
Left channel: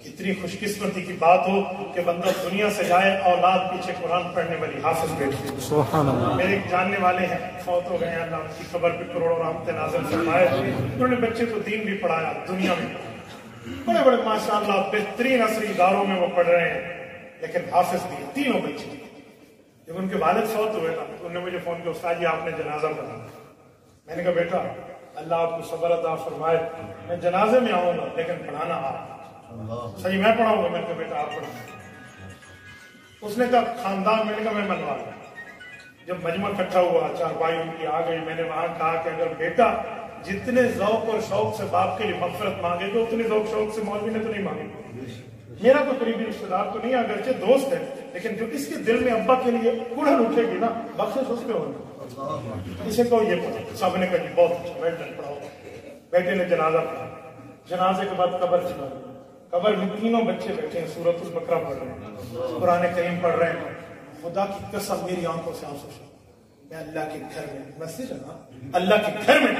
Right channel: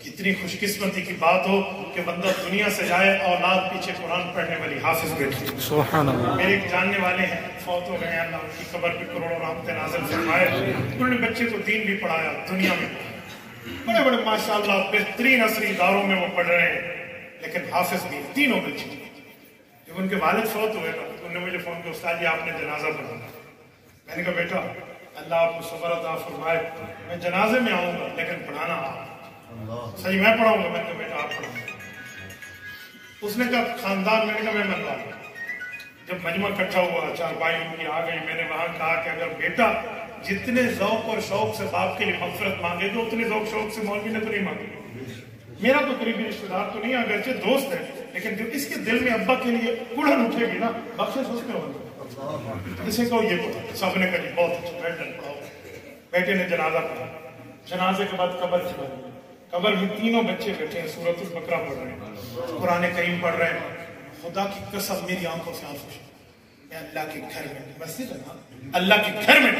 کتنی خوش قسمتی کی بات ہو کہ بندہ دنیا سے جائے، اولاد پیچھے قرآن پڑھنے والی حافظ بیٹھی۔ سبحان اللہ۔ میرے ایک جاننے والے ہیں، فوت ہو گئے ہیں، اللہ ان کی قبر پہ کروڑوں رحمتیں نازل فرمائے۔ انہوں نے بچے کو دین بھی پڑھایا، دنیا میں بڑے بڑے ماشاءاللہ بہترین عصری اداروں میں وہ پڑھ رہے ہیں، لیکن حافظ بھی، تینوں بچے۔ جب ان کے والد فوت ہوئے نا، تو انہوں نے مجھے فون کیا، استاد جی آپ نے جنازہ پڑھا۔ میں نے کہا بیٹا اللہ آپ کو صبر عطا فرمائے، میں جنازے میں آؤں گا لیکن پڑھانا آپ۔ صحیح میں پڑھاؤں گا؟ میں نے کہا بیٹا آپ پڑھاؤں۔ اس نے کہا خاندان، میں نے کہا میں منوا لوں۔ جب مجمع اکٹھا ہوا، چار بھائی ان کی آ گئی، میں نے وہاں کہا کہ اگر بیٹا جتنے ذوق اور شوق سے باپ کے لیے مغفرت مانگے تو اتنے ذوق شوق سے مولوی نے تو نہیں مانگی۔ میرا تو قریبی رشتہ دار تو نہیں، اگرچہ دوست ہے، لیکن جو اس کے دل میں ابا کے لیے کڑھن اٹھے گی نا، بخشش اس پہ ہوگی۔ اسے کہو یہ پڑھو، سب نے کہا جی بہت اچھا، بیٹھے پڑھاؤ۔ بیٹے نے جنازہ پڑھا، جنازے کے بعد قبر چھپا، قبر میں تینوں بچے بیٹھے ہیں، سورۃ البقرہ پڑھ رہے ہیں، قرآن کریم پڑھ رہے ہیں۔ خدا کی قسم میری آنکھوں سے آنسو چھوٹے، میں اللہ کے گھر میں، مسجد ہے نا، اللہ کے گھر میں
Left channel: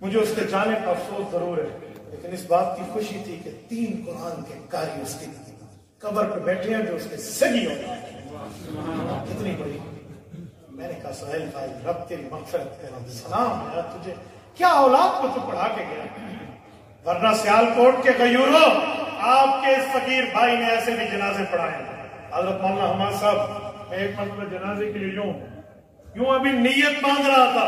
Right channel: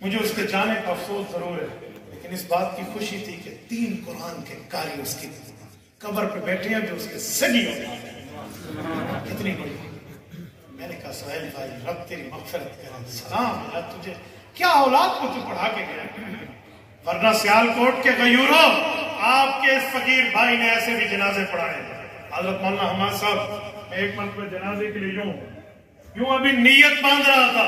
مجھے اس کے جانے کا افسوس ضرور ہے، لیکن اس بات کی خوشی تھی کہ 3 قرآن کے قاری اس کی قبر پہ بیٹھے ہیں جو اس کے سگی ہو گئے، کتنی بڑی۔ میں نے کہا سہیل بھائی رب تیری مغفرت کرے، سلام ہے تجھے، کیا اولاد کو تو پڑھا کے گیا، ورنہ سیالکوٹ کے غیوروں آپ کے اس فقیر بھائی نے ایسے بھی جنازے پڑھائے۔ حضرت مولانا حماد صاحب، میں ایک مرتبہ جنازے کے لیے یوں ابھی نیت باندھ رہا تھا،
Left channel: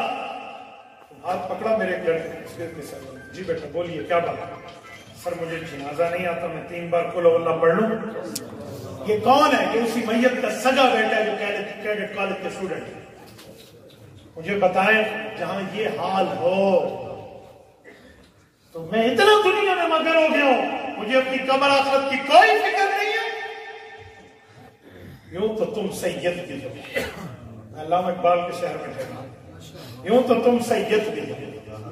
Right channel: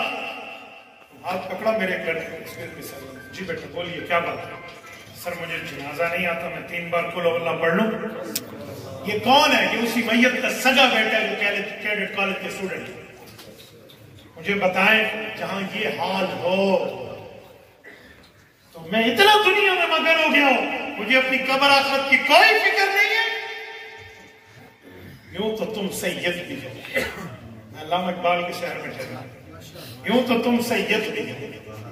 ہاتھ پکڑا میرے ایک لڑکے، سر جی بیٹا بولیے کیا بات ہے؟ سر مجھے جنازہ نہیں آتا، میں 3 بار قل ہو اللہ پڑھ لوں؟ یہ کون ہے؟ یہ اسی میت کا سگا بیٹا ہے جو کیڈٹ کالج کے اسٹوڈنٹ ہے. مجھے بتائیں جہاں یہ حال ہو تو میں اتنا دنیا میں مگن ہو گیا ہوں، مجھے اپنی قبر آخرت کی کوئی فکر نہیں ہے. یوں تو تم سید بھی ہو، میں علامہ اقبال کے شہر میں ٹھہرا، یوں تو تم سید بھی ہو،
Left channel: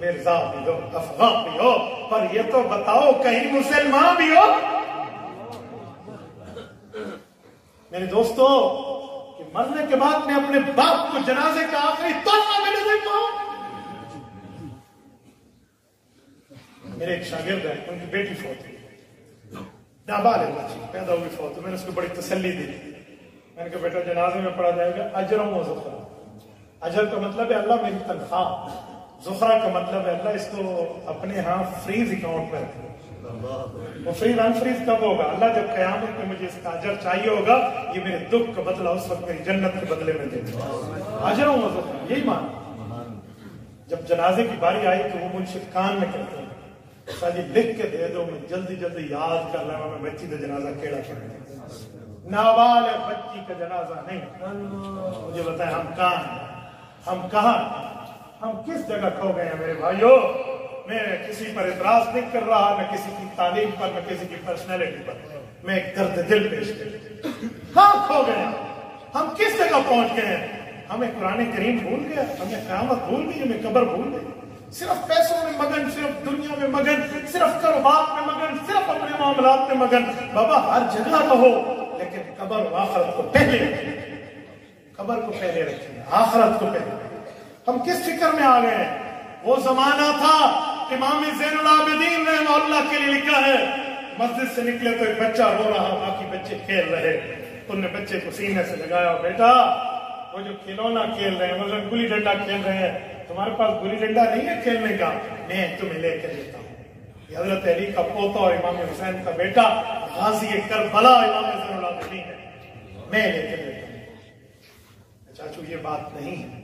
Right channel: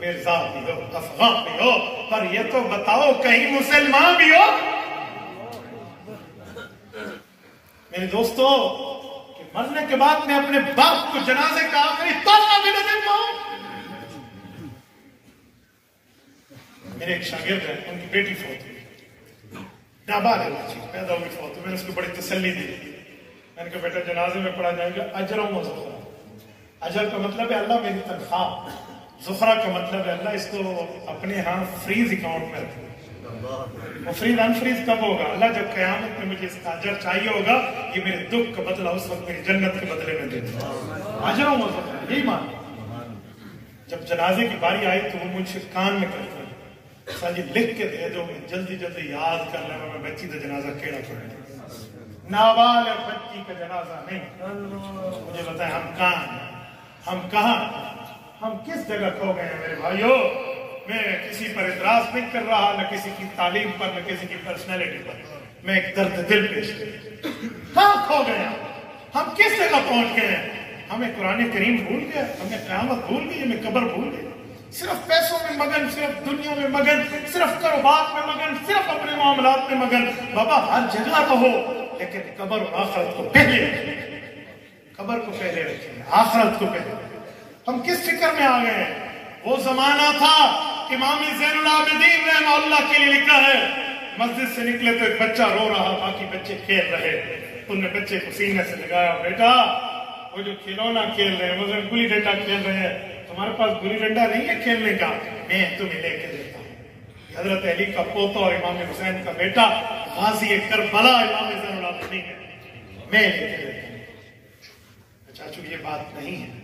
مرزا بھی ہو، افغان بھی ہو، پر یہ تو بتاؤ کہیں مسلمان بھی ہو؟ میرے دوستو، کہ مرنے کے بعد میں اپنے باپ کو جنازے کا آخری تحفہ بھی نہ دے پاؤں. میرے ایک شاگرد ہیں، ان کی بیٹی فوت ہوئی، نابالغ بچی پیدا ہوئی فوت ہوئی. میں نے اس کو بڑی تسلی دی، میں نے کہا بیٹا جنازے میں پڑھا جائے گا اجر و ذخرہ. اجر کا مطلب ہے اللہ میری تنخواہ، ذخرہ کا مطلب ہے اللہ اس کو اپنے ہاں فریز اکاؤنٹ میں رکھے. وہ فریز انفریز کب ہوگا؟ اللہ جب قیامت میں مجھے اس کا اجر چاہیے ہوگا، یہ میرے دکھ کا بدلہ اس وقت میری جنت کے بدلے میں دے دے. اجر و ذخرہ یہی مان. جب جنازے کی باری آئی تو وہ مجھ سے کان میں کرتا جی لکھ کے دے دو، میں جلدی جلدی یاد کر لوں میں بچی کا جنازہ کیڑا کیا، نابالغ بچی کا جنازہ نہیں. مجھے بتائیں ہم کہاں ہیں؟ ہم کہاں ہیں؟ ہم کس جگہ کھو گئے ہیں میرے بھائیوں؟ میں کسی پر اعتراض نہیں کر رہا، نہ کسی کی تعلیم پر، نہ کسی کی پرسنالٹی پر، میں ایک درد دل پیش کر. کہاں کھو گئے ہیں؟ ہم کس جگہ پہنچ گئے ہیں؟ ہمیں قرآن کریم بھول گیا، ہمیں قیامت بھول گئی، ہمیں قبر بھول گئی. صرف پیسوں میں مگن، صرف دنیا میں مگن، صرف کاروبار میں مگن، صرف اپنے معاملات میں مگن. بابا ہر جگہ رہو لیکن قبر اور آخرت کو پہلے رکھیں. قبر کو پہلے رکھیں، آخرت کو پہلے رکھیں. ہم کس فکر میں آ گئے ہیں؟ وہ زمانہ تھا، امام زین العابدین رحمہ اللہ کے لیے لکھا ہے، مسجد سے نکلے تو ایک بچہ رو رہا، باقی بچے کھیل رہے. انہوں نے بچے کو سینے سے لگایا، بیٹا وہ جو کھلونا کھیل رہے ہیں، مثلا گلی ڈنڈا کھیل رہے ہیں، تمہارے پاس گلی ڈنڈا نہیں ہے کھیلنے کا، میں تمہیں لے کر دیتا ہوں. یہ حضرت علی کا پوتا اور امام حسین کا بیٹا غازی کربلا امام زین العابدین ہے، میں لے کر دیتا ہوں. چاچو یہ بات نہیں ہے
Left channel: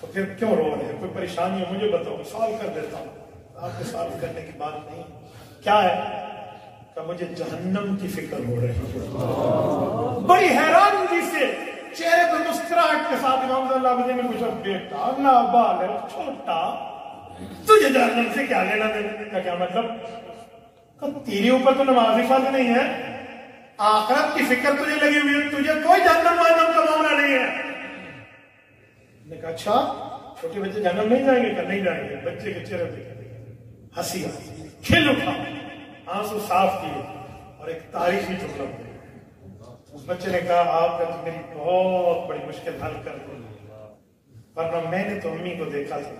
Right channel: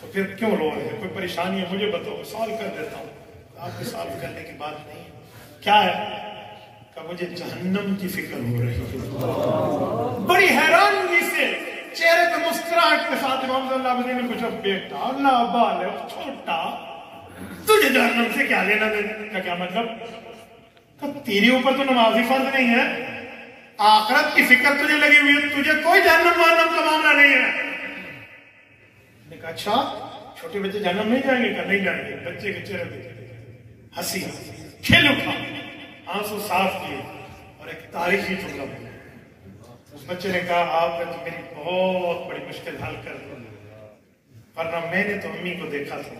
تو پھر کیوں رو رہے ہیں؟ کوئی پریشانی ہے مجھے بتاؤ، سالو کر دیتا ہوں. آپ کو سالو کرنے کی بات نہیں ہے. کیا ہے کہ مجھے جہنم کی فکر ہو رہی ہے. بڑی حیرانگی سے چہرے پہ مسکراہٹ کے ساتھ امام صلی اللہ علیہ وسلم نے پوچھا، بیٹا نابالغ چھوٹا تجھے جہنم سے کیا لینا دینا؟ کا کیا مطلب؟ کہ تیرے اوپر تو نمازی فرض نہیں ہے، آخرت کی فکر تجھے لگی ہوئی ہے، تجھے کوئی جہنم وہنم کا معاملہ نہیں ہے. نے کہا اچھا چھوٹے بچے جہنم نہیں جائیں گے؟ کہ نہیں جائیں گے. بچے کے چہرے پہ ہنسی کھل اٹھا، آنسو صاف کیے اور ایک تاریخی جملہ ہوا. اس بچے نے کہا آپ نے تو میری بہت بڑی مشکل حل کر دی، ورنہ میں نے تو امی کو دیکھا تھا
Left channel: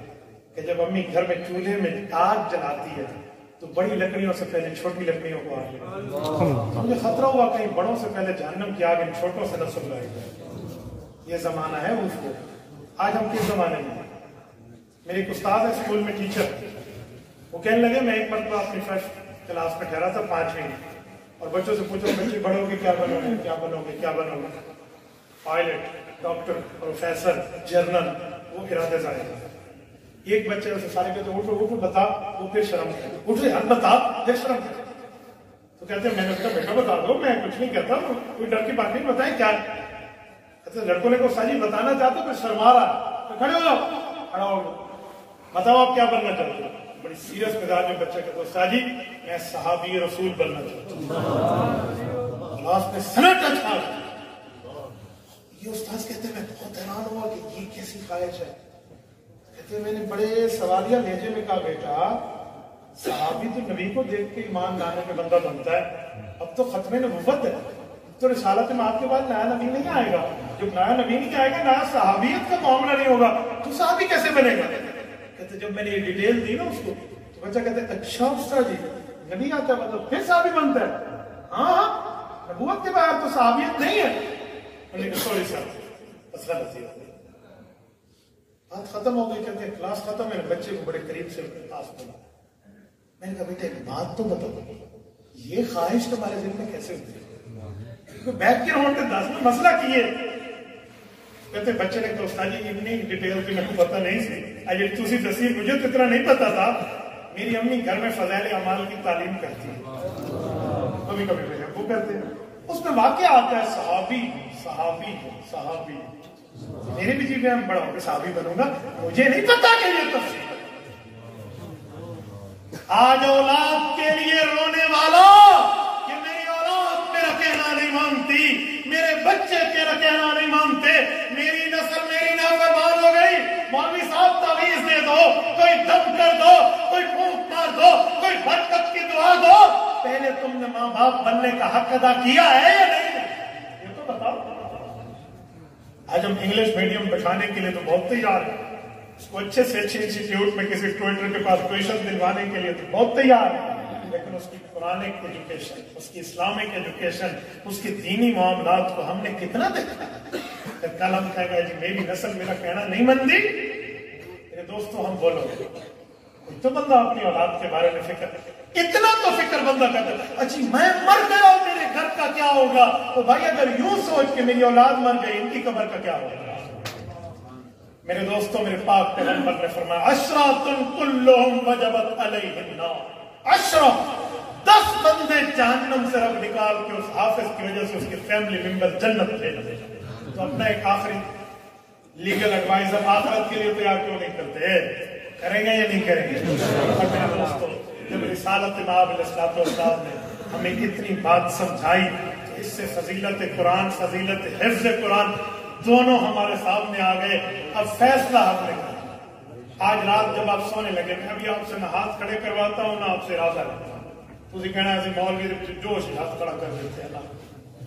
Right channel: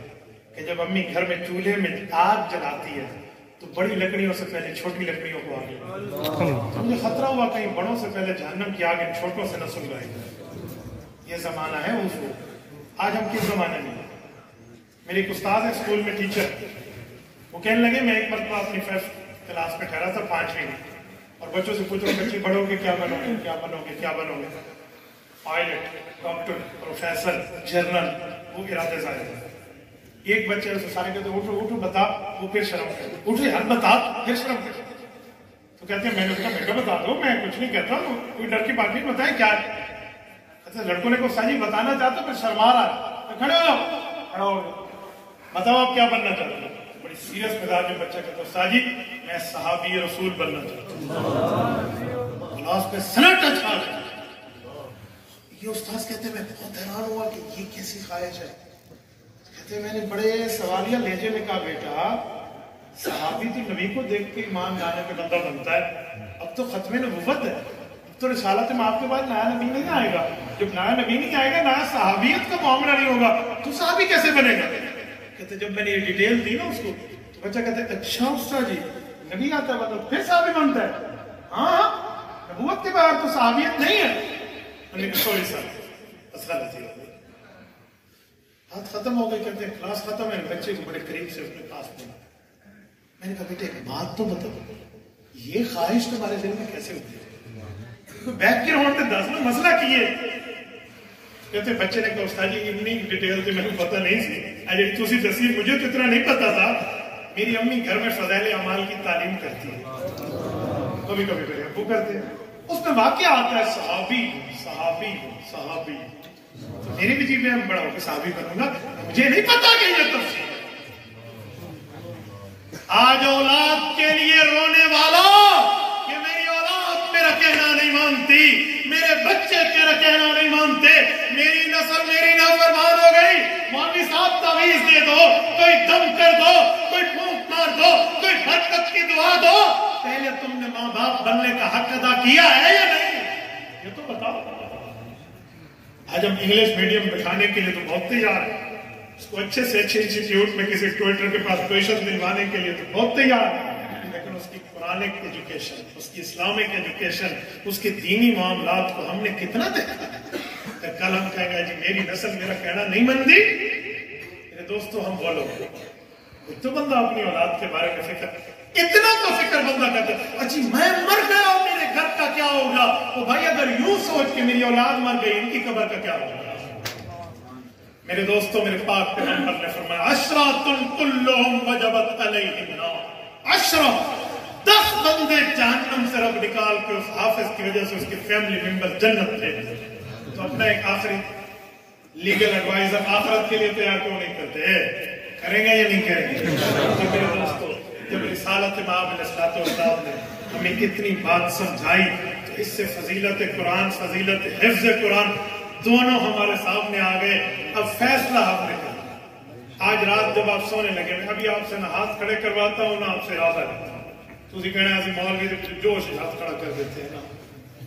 کہ جب امی گھر میں چولہے میں آگ جلاتی ہے تو بڑی لکڑیوں سے پہلے چھوٹی لکڑیوں کو آگ لگاتی. مجھے خطرہ ہوا کہیں بڑوں سے پہلے جہنم کی آگ ان چھوٹوں سے نہ سلگائی جائے. یہ زمانہ ہے اس کو. آج ہم کس زمانے میں؟ میرے ایک استاد ہے اسکول میں ٹیچر، وہ کہنے لگے میں ایک مرتبہ اپنی فرسٹ کلاس میں ٹھہرا تھا 5ویں میں، اور بچوں سے پوچھا بچے بڑھو گے کیا بنو گے، کیا بنو گے، کیا بنو گے؟ پائلٹ، ڈاکٹر، پروفیسر، جنرل، وہ ارادے ظاہر ہے. ایک بچے سے سارے کہتے اٹھو اٹھو بتا، وہ پھر شرم کرتے، اٹھو یار بتا، پھر شرم کرتے. تو کہتے ہیں میں نے کہا بیٹا بتا دو، میں کچھ نہیں کہتا، کوئی ڈر کی بات نہیں، بتائیں کیا ہے. کہتے لڑکوں نے کو ساجی بتانا چاہتے پھر شرما رہا ہے. کھڑے ہو جاؤ، کھڑا ہو گیا، بتاؤ آپ کیا بننا چاہتے ہو؟ بڑی سیریس مزاج میں بچہ کہتا ساجی میں صحابی رسول بننا چاہتا ہوں. کلاس میں سنٹ اچھا. یہ استاذ کہتے ہیں میں بہت حیران ہوا کہ یہ کیسی خواہش ہے. کہتے ہیں میں نے بڑے سوالیہ لہجے میں کہا بیٹا صحابی تو نبی کو دیکھ کے ایمان لانے پہ بندہ بنتا ہے، اب تو ختم نبوت ہے، اب تو رسالت میں آپ کے بعد نیا نبی نہیں آئے گا. جب نیا نبی نہیں آئے گا نیا صحابیت کا معاملہ نہیں ہوگا، تو صحابی کیسے بنے گا؟ کہتے جب میں نے یہ ڈیٹیل دی نا اس کو تو بچہ کہتا ہے اچھا استاد جی نبی آتا ہے مطلب پھر صحابی بنتا ہے؟ ہاں نبوت کے بعد تو صحابیت نہیں ہے. سوری صاحب مسئلہ بچے بات ختم ہو گئی. کہتے ہیں کلاس ختم ہے، بچے کو بڑے قریب سے اپنے پاس بنا. میں نے کہا بیٹے ایک بات تو بتاؤ، یہ خواہش تمہارے دل میں کیسے ہوتی ہے؟ بیک گراؤنڈ میں دس نا مسئلہ کیے. کہتے بچے نے کہا استاد جی اتنی ڈیٹیل تو میرے کو پتہ نہیں سی، اجے تسی دسی مجھے تو اتنا نہیں پتا تھا. میری امی گھر میں فضائل اعمال کی تعلیم کرتی ہے، کبھی کبھی میرے ابو کرتے ہیں، اس میں واقعہ آتا ہے صحابی صحابی صحابی. تو میری بھی جی میں بڑا ہو کے صحابی بنوں گا, مجھے نہیں پتا کہ یہ تفصیل. آج اولاد کے لیے رونے والا کہ میری اولاد میرا کہنا نہیں مانتی, میرے بچے تیرا کہنا نہیں مانتے, میری نسل میری نافرمان ہو گئی, مولوی صاحب تعویذ دے دو, کوئی دم کر دو, کوئی پھونک مار دو, کوئی برکت کی دعا دو. پہلے تم نے ماں باپ بننے کا حق ادا کیا ہے یا نہیں, یہ تو بتاؤ. آج ہم انگلش میڈیم بٹھانے کے لیے تو بہت تیار ہیں, اس کو اچھے سے اچھے انسٹیٹیوٹ میں کسی ٹویٹر کے پاس پوزیشن دلوانے کے لیے تو بہت تیار ہے, لیکن اس کی قرآنک ایجوکیشن, اس کی اسلامک ایجوکیشن, اس کے دینی معاملات کو ہم نے کتنا دیکھا ہے. کل ہم کہیں گے جی میری نسل میرا کہنا نہیں مانتی. میرے دوستوں ہم بولو تو بندہ اپنی اولاد کے بارے میں فکر, اتنا تو فکر بندہ کرتا ہے اچھی میں مر گیا اور میرے گھر کا کیا ہوگا. تو بھائی اگر یوں سوچ کے میری اولاد مر گئی, ان کی قبر کا کیا ہوگا. میرے دوستوں میرے پاک پیغمبر نے فرمایا عشرات کلہم وجبت علیہم النار. 10 بندے جہنم سے رب نکال کے اس حافظ کی وجہ سے اس کے فیملی ممبر جنت تھے. تو اپنا ایک آخری لیگل ایڈوائزر آخرت کے لیے تیار کیوں نہیں کرتے, کریں گے یا نہیں کریں گے. اور میرے دوستوں جب رسالت مآب علیہ السلام نے ہمیں کتنی بات سمجھائی, اس سے فضیلت قرآن فضیلت حفظ قرآن دونوں ہمارے سامنے آ گئے. اب فیصلہ ہم نے کرنا. آج رات جب آپ سونے لگے, میں ابھی آپ سے نہ ہاتھ کھڑے کرواتا ہوں نہ آپ سے ارادہ کرتا ہوں. تھی کہنا ہے مولوی جوش ہاتھ کھڑا کر دیتے ہیں نا,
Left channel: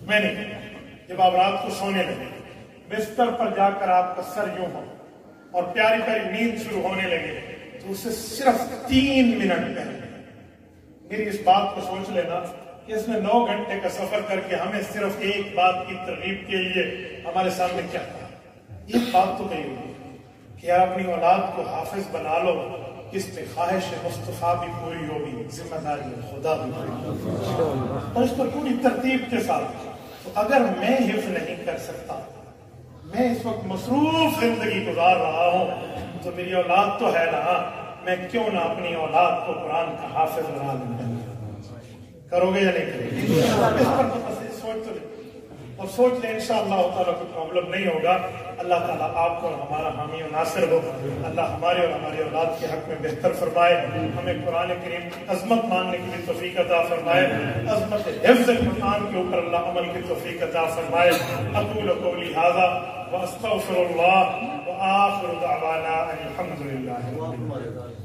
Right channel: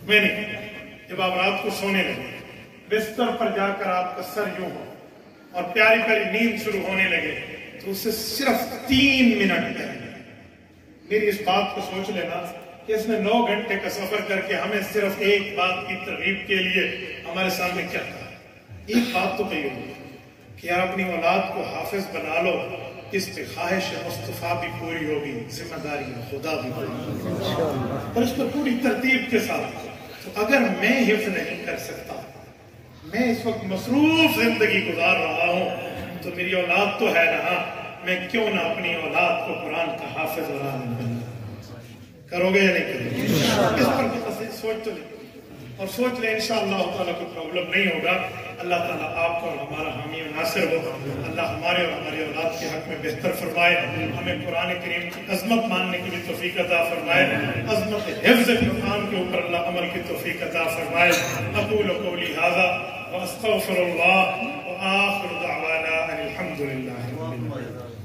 میں نہیں کہنا. جب آپ رات کو سونے لگے, بستر پر جا کر آپ کا سر یوں ہو اور پیاری پیاری نیند شروع ہونے لگے, تو اسے صرف 3 منٹ پہلے میری اس بات کو سوچ لینا کہ اس نے 9 گھنٹے کا سفر کر کے ہمیں صرف ایک بات کی ترغیب کے لیے ہمارے سامنے کیا کہا. ایک بات تو کہی ہوگی کہ یار اپنی اولاد کو حافظ بنا لو, اس پہ خواہش مصطفیٰ بھی پوری ہوگی, ذمہ داری خدا بھی پوری ہوگی, اور اس پر پوری ترتیب کے ساتھ. تو اگر میں حفظ نہیں کر سکتا, میں اس وقت مصروف زندگی گزار رہا ہوں, تو میری اولاد تو ہے نا, میں کیوں نہ اپنی اولاد کو قرآن کا حافظ بنا لوں. کرو گے یا نہیں کرو گے, اس پر تو بس سوچ تو لیں, اور سوچ لیں انشاءاللہ تعالیٰ کوئی پرابلم نہیں ہوگا. اللہ تعالیٰ آپ کو اور ہمارا حامی و ناصر ہو. اللہ ہمارے اور ہماری اولاد کے حق میں بہتر فرمائے. ہمیں قرآن کریم کی عظمت ماننے کی بھی توفیق عطا فرمائے. عظمت حفظ قرآن کے اوپر اللہ عمل کی توفیق عطا فرمائے. اقول قولی ھذا واستغفر اللہ وآخر دعوانا ان الحمد للہ.